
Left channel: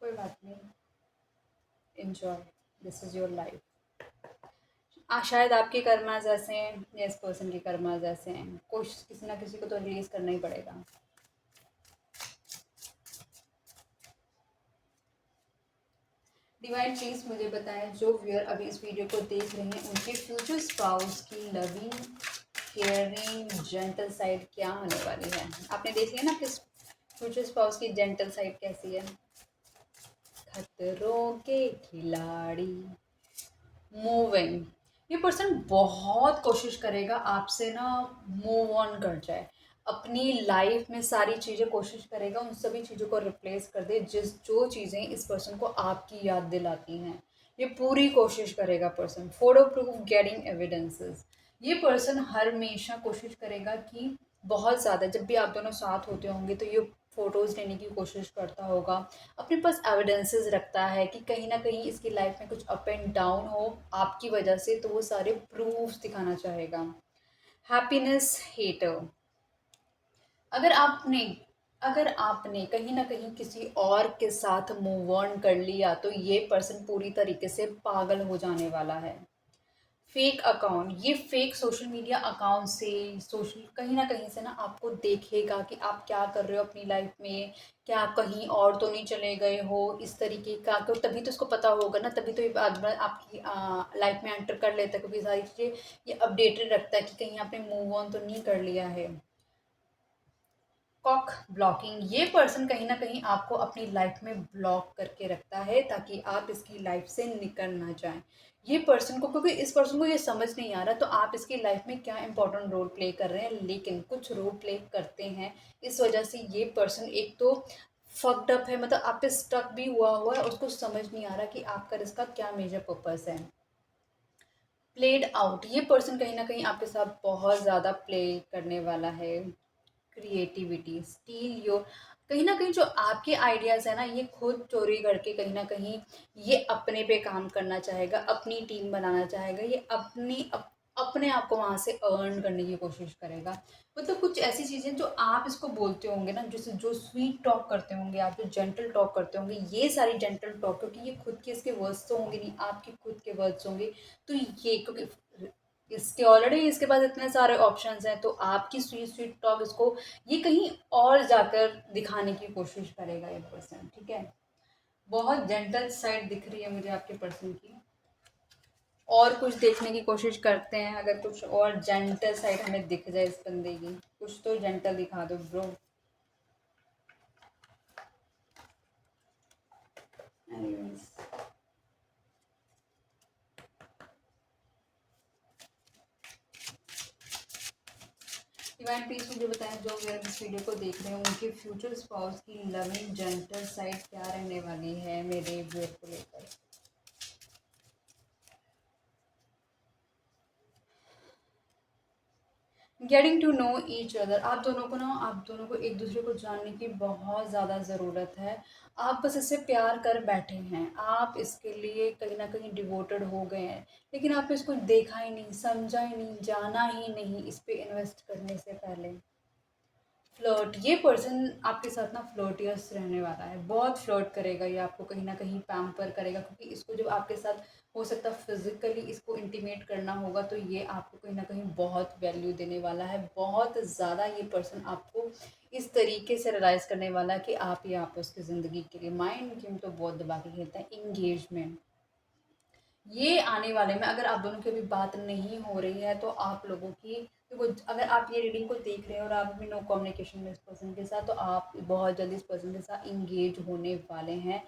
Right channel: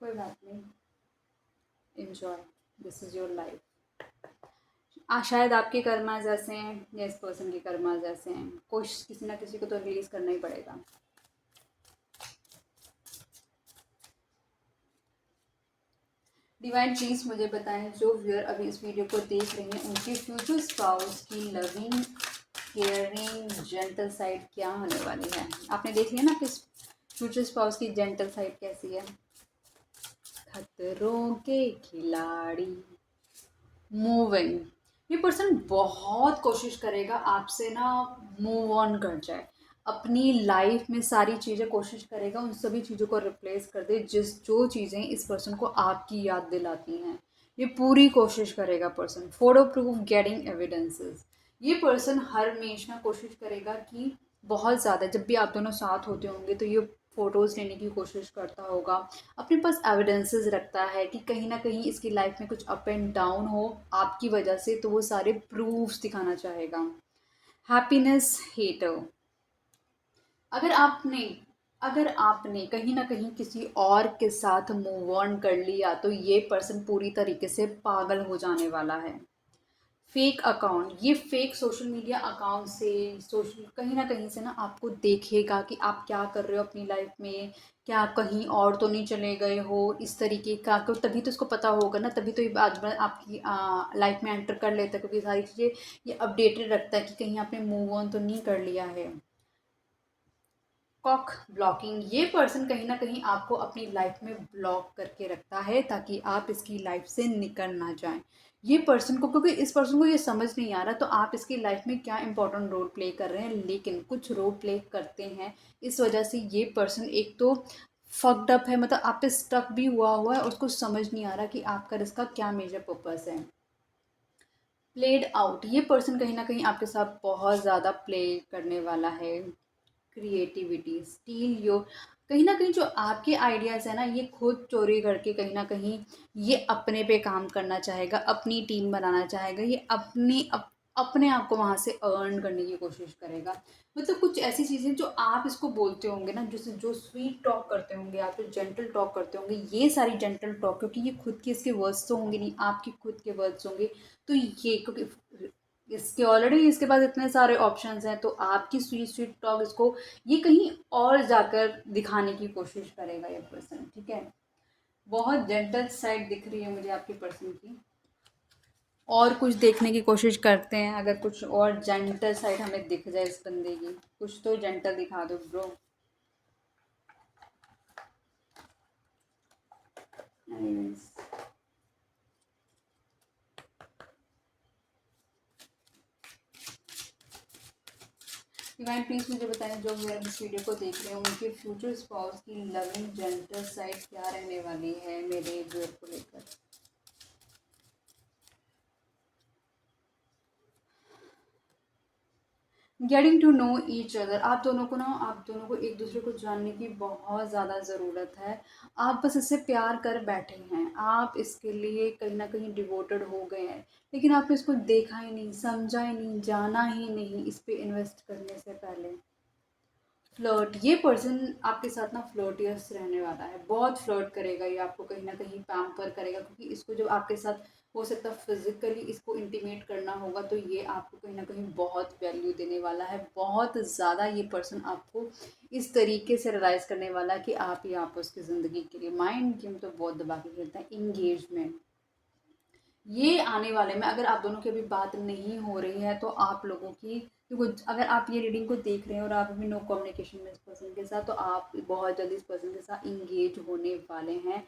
कोई बात नहीं, enjoy, this is your life. शायद आपके कर्मा जैसे हैं या इस पर्सन के कर्मा जैसे हैं, कुछ किसी ना किसी को तो रिलीज करना ही पड़ेगा। डिवाइन प्लीज मुझे बताएं, जो व्यूअर अभी इस वीडियो को देख रहे हैं उनके फ्यूचर स्पाउस की लविंग, केयरिंग, जेंटल साइड क्या होने वाली है। आपने देख लिया ना कि फ्यूचर स्पाउस की जेंटल साइड कैसी है। खतरों के खिलाड़ी, मूविंग। ये पर्सन बहुत कोशिश करेगा आपसे ना मूव ऑन कर जाए, अपनी लाइफ में सारी चीज़ें कोशिश करेगा उन सभी चीज़ों को रिप्लेस कर दे जिस जो चीज़ें इस पर्सन को आपकी याद दिलाती हैं। ये पूरी कोशिश करेगा person. Photo proof getting evidences. ये पर्सन हमेशा कोशिश करेगा कि बहुत ज़्यादा, जब भी आप दोनों साथ होते होंगे तो ये फ़ोटोज़ लेने की कोशिश करता होगा, अपने पास एविडेंसेस रखता है कि कहीं ना कहीं इसकी लाइफ में कुछ अप एंड डाउन हो आपकी वजह से, तो वो सारे प्रूफ्स दिखाना चाहेगा। Happiness hater. अगर आपने अगर आपने कहीं ना कहीं किसी और के साथ मूव ऑन कर लिया तो ये पर्सन पूरी तरीके से पागल हो जाने वाला है। फेक अकाउंट, ये फेक सोशल मीडिया अकाउंट से, सोशल कहीं ना कहीं से ना आपको देखेगा कि आप क्या कर रहे हो अपनी लाइफ में, क्या आप कहीं और तो नहीं चले गए हो, इस तरीके का को, तभी तो इसको पता होगा ना, तभी तो ये बाद में आपकी लाइफ में एंटर कर लेता है, क्योंकि सारी चीज़ें ये अपडेटेड रखता है कि कहीं आपने मूव ऑन तो नहीं कर लिया है। कॉक ब्लॉकिंग, ये पर्सन कहीं ना कहीं आपको अपनी लाइफ में ब्लॉक करके रखता है ताकि आप इसकी लाइफ से निकल ना जाएं। ये पर्सन को, क्योंकि इस पर्सन को ये समझ नहीं आ रहा तो आप इसकी लाइफ में क्या इंपॉर्टेंट रोल प्ले कर रहे हैं, लेकिन कुछ रोल प्ले करते हैं। इस वजह से ये पर्सन एक तो फक्ड अप है, मतलब आप पे स्टक भी हुआ है, उसको समझ नहीं आ रहा कि आपका इसका क्या मेजर पर्पस है। प्लेड आउट, ये पर्सन कहीं ना कहीं आपके साथ बहुत ज़्यादा प्ले करने वाला है। क्रिएटिविटी, स्टील योर, कहीं ना कहीं जो आपके आइडियाज़ है ना ये खुद चोरी करके कहीं ना कहीं ये अपने पे काम करना चाहेगा, अपनी टीम बनाना चाहेगा, ये अपने आप को वहाँ से अर्न करने की कोशिश करेगा। मतलब कुछ ऐसी चीज़ें जो आप इसको बोलते होंगे ना, जैसे जो स्वीट टॉक करते होंगे आप, जो जेंटल टॉक करते होंगे, ये सारी जेंटल टॉक, क्योंकि ये खुद के इसके वर्ड्स तो होंगे नहीं, आपके खुद के वर्ड्स होंगे, तो ये क्योंकि इसके ऑलरेडी इसके पास इतने सारे ऑप्शंस हैं, तो आपकी स्वीट स्वीट टॉक इसको ये कहीं और जाकर दिखाने की कोशिश करेगा ये पर्सन। ठीक है, बहुत जेंटल साइड दिख रही है मुझे आपके पर्सन की। और कुछ देखने की कोशिश करते हैं, अगर कुछ और जेंटल साइड हमें दिख जाए इस बंदे की, कुछ तो जेंटल दिखा दो ब्रो। डिवाइन प्लीज मुझे बताएं, जो मेरे इस वीडियो को देख रहे हैं उनके फ्यूचर स्पाउस की लविंग जेंटल साइड क्या रहने वाली है मेरे व्यूअर को लेकर। Getting to know each other, आप दोनों को एक दूसरे को जानने की बहुत ज़्यादा ज़रूरत है। आप बस इससे प्यार कर बैठे हैं, आप इसके लिए कहीं ना कहीं डिवोटेड हो गए हैं, लेकिन आपने इसको देखा ही नहीं, समझा ही नहीं, जाना ही नहीं इस पे इन्वेस्ट करने से पहले। फ्लर्ट, ये पर्सन आपके साथ ना फ्लर्टियस रहने वाला है, बहुत फ्लर्ट करेगा ये, आपको कहीं ना कहीं पैम्पर करेगा, क्योंकि इसको जब आपके साथ हो सकता है फिजिकली इसको इंटीमेट करना होगा, तो ये आपको कहीं ना कहीं बहुत वैल्यू देने वाला है, बहुत ज़्यादा ये पर्सन आपको इस तरीके से रियलाइज करने वाला है कि आप ही आप उसकी ज़िंदगी के लिए। माइंड गेम तो बहुत दबा के खेलते हैं। इंगेजमेंट, ये आने वाले में अगर आप दोनों की अभी बात नहीं हो रही है तो आप लोगों की, देखो अगर आप ये रीडिंग को देख रहे हैं और आप अभी नो कम्युनिकेशन में इस पर्सन के साथ, तो आप बहुत जल्दी इस पर्सन के साथ इंगेज होने वाले हैं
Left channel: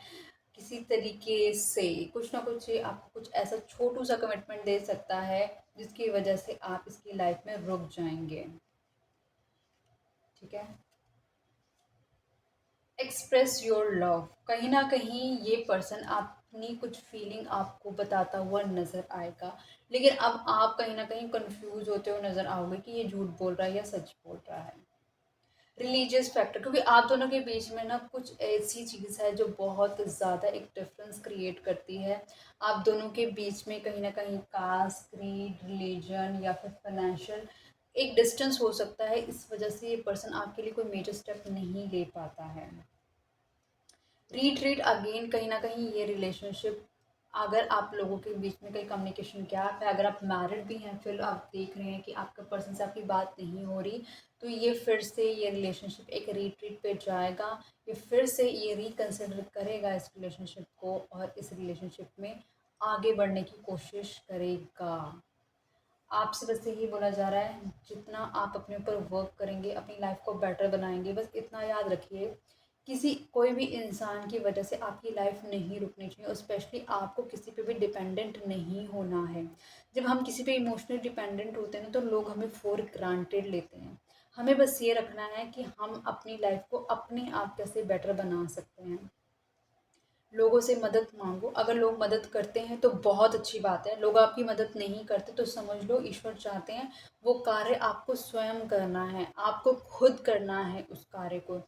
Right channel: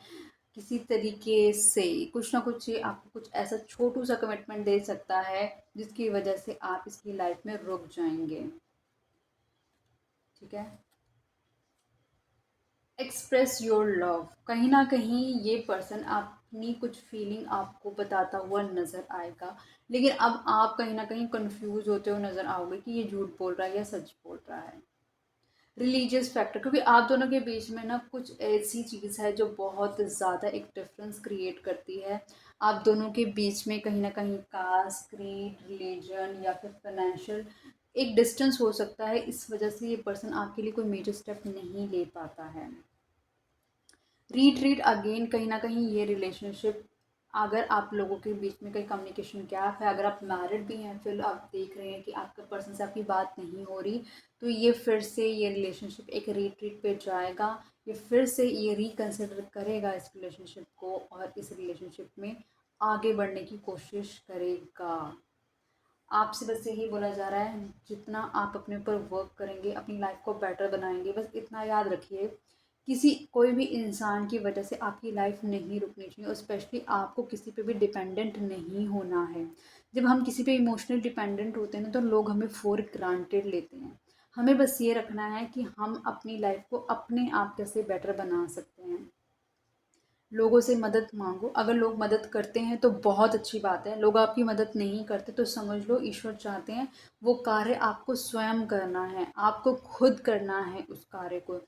किसी तरीके से। कुछ ना कुछ ये आपको कुछ ऐसा छोटू सा कमिटमेंट दे सकता है जिसकी वजह से आप इसकी लाइफ में रुक जाएंगे। ठीक है। एक्सप्रेस योर लव, कहीं ना कहीं ये पर्सन अपनी कुछ फीलिंग आपको बताता हुआ नज़र आएगा, लेकिन अब आप कहीं ना कहीं कंफ्यूज होते हुए नज़र आओगे कि ये झूठ बोल रहा है या सच बोल रहा है। रिलीजियस फैक्टर, क्योंकि आप दोनों के बीच में ना कुछ ऐसी चीज़ है जो बहुत ज़्यादा एक डिफरेंस क्रिएट करती है। आप दोनों के बीच में कहीं ना कहीं कास्ट, क्रीड, रिलीजन या फिर फाइनेंशियल एक डिस्टेंस हो सकता है, इस वजह से ये पर्सन आपके लिए कोई मेजर स्टेप नहीं ले पाता है। रीट्रीट अगेन, कहीं ना कहीं ये रिलेशनशिप, अगर आप लोगों के बीच में कहीं कम्युनिकेशन गैप है, अगर आप मैरिड भी हैं, फिर आप देख रहे हैं कि आपका पर्सन से आपकी बात नहीं हो रही, तो ये फिर से ये रिलेशनशिप एक रीट्रीट पे जाएगा। ये फिर से ये रिकन्सिडर करेगा इस रिलेशनशिप को और इस रिलेशनशिप में आगे बढ़ने की कोशिश करेगा। आपसे बस यही बोला जा रहा है, जितना आप अपने ऊपर वर्क करेंगे, अपनी लाइफ को बेटर बनाएंगे, बस इतना याद रखिए, किसी कोई भी इंसान की वजह से आपकी लाइफ नहीं रुकनी चाहिए, और स्पेशली आपको किसी पे भी डिपेंडेंट नहीं होना है। जब हम किसी पे इमोशनली डिपेंडेंट होते हैं ना, तो लोग हमें फॉर ग्रांटेड लेते हैं। हमें बस ये रखना है कि हम अपनी लाइफ को अपने आप कैसे बेटर बना सकते हैं। लोगों से मदद मांगो, अगर लोग मदद करते हैं तो बहुत अच्छी बात है, लोग आपकी मदद नहीं करते तो समझ लो ईश्वर चाहते हैं वो कार्य आपको स्वयं करना है, आपको खुद करना है उस कार्य को।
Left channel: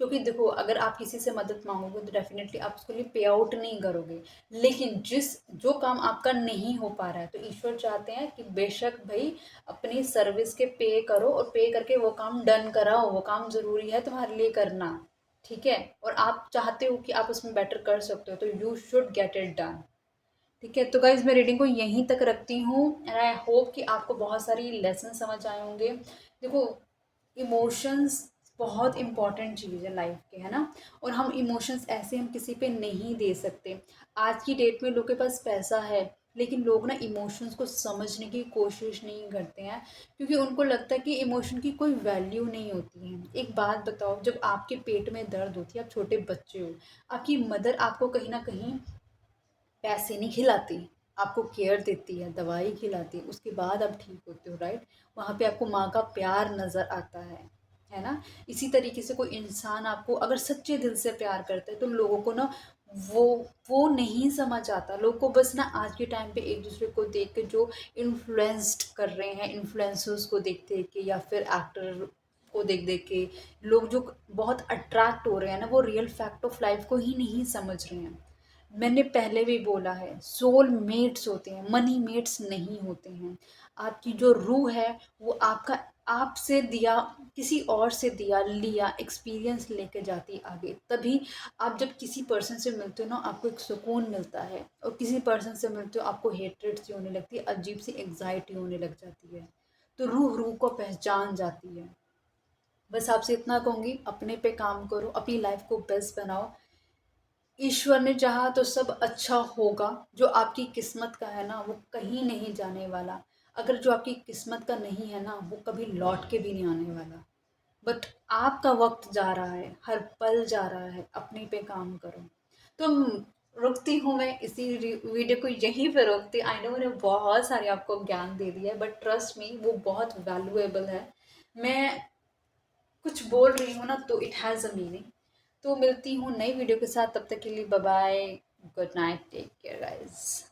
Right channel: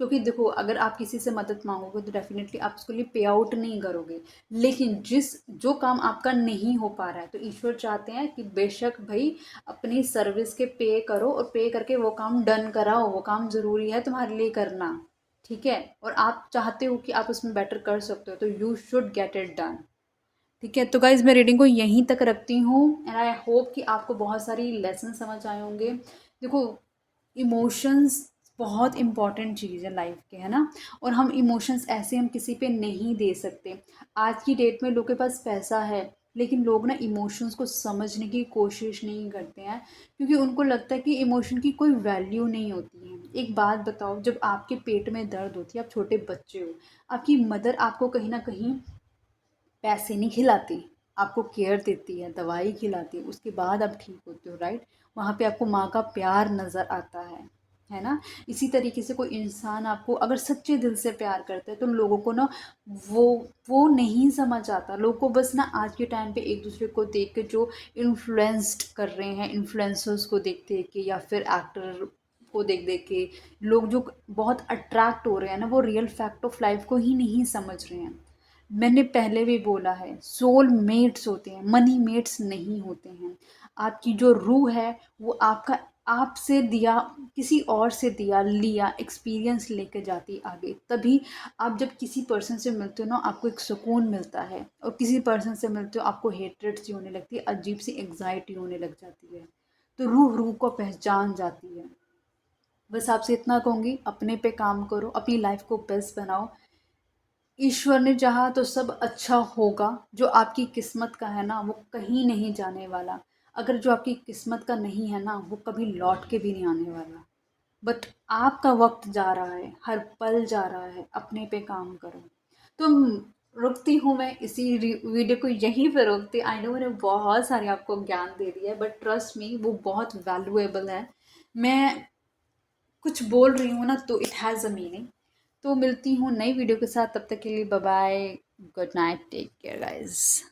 क्योंकि देखो, अगर आप किसी से मदद मांगोगे तो डेफिनेटली आप उसके लिए पे आउट नहीं करोगे, लेकिन जो काम आपका नहीं हो पा रहा है, तो ईश्वर चाहते हैं कि बेशक भाई अपनी सर्विस के पे करो, और पे करके वो काम डन कराओ, वो काम ज़रूरी है तुम्हारे लिए करना। ठीक है, और आप चाहते हो कि आप उसमें बेटर कर सकते हो, तो you should get it done. ठीक है, तो गाइज मैं रीडिंग को यहीं तक रखती हूँ, एंड आई होप कि आपको बहुत सारी लेसन समझ आए होंगे। देखो, इमोशंस बहुत इंपॉर्टेंट चीज़ है लाइफ के, है ना, और हम इमोशंस ऐसे हम किसी पे नहीं दे सकते। आज की डेट में लोग के पास पैसा है, लेकिन लोग ना इमोशंस को समझने की कोशिश नहीं करते हैं, क्योंकि उनको लगता है कि इमोशन की कोई वैल्यू नहीं होती है। एक बात बताओ, जब आपके पेट में दर्द होती है, आप छोटे बच्चे हो, आपकी मदर आपको कहीं ना कहीं पैसे नहीं खिलाती, आपको केयर देती है, दवाई खिलाती है, उसके बाद आप ठीक होते हो, राइट। वहाँ पे आपको माँ का प्यार नज़र आता है ना। इसी तरीके से कोई इंसान आपको अगर सच्चे दिल से प्यार करता है, तो लोगों को ना वो वो नहीं समझ आता। लोग को बस ना आज के टाइम पे एक दूसरे को देख के जो इन्फ्लुएंस्ड कर रहे हैं, इन्फ्लुएंसर्स को देख देख के या फिर एक्टर को देख देख के लोग जो बहुत अट्रैक्ट हो रहे हैं ना, वो रियल फैक्ट ऑफ लाइफ को ही नहीं समझ रहे हैं। मैंने पहले भी बोला है, सोल मेट्स होते हैं, मनी मेट्स नहीं होते हैं। आपकी जो रूह है वो आपका आपसे दिया, किसी और से दिया लिया एक्सपीरियंस लेके जाती है आगे। तभी आप जब किसी पर्सन से मिलते हो ना, आपको एक सुकून मिलता है, और किसी पर्सन से मिलते हो आपको हेट्रेड सी होने लगती है, अजीब सी एंग्जाइटी होने लग जाती है। तो रूह रूह को पहचान जाती है। बस आपसे इतना कहूँगी, अपने पे काम करो, अपनी लाइफ को बेस्ट बनाओ। ईश्वर ने चाहा तो सब अच्छा होगा। जो आपकी किस्मत का है ना, वो कहीं नहीं जाने वाला। अगर जो आपकी किस्मत का नहीं है ना, वो कभी लौट के भी नहीं आने वाला। बट आपका वक्त जा रहा है, हर पल जा रहा है, अपने पे काम करो। तो रुकती हूँ मैं इसी वीडियो को यहीं पे रोकती। आई नो मैंने बहुत सारे आपको ज्ञान दे दिया है, बट ट्रस्ट मी वो बहुत वैल्यूएबल है। मैं कुछ बोल रही हूँ ना, तो इट हैज़ अ मीनिंग। तो मिलती हूँ नई वीडियो के साथ, तब तक के लिए bye bye, good night, take care guys.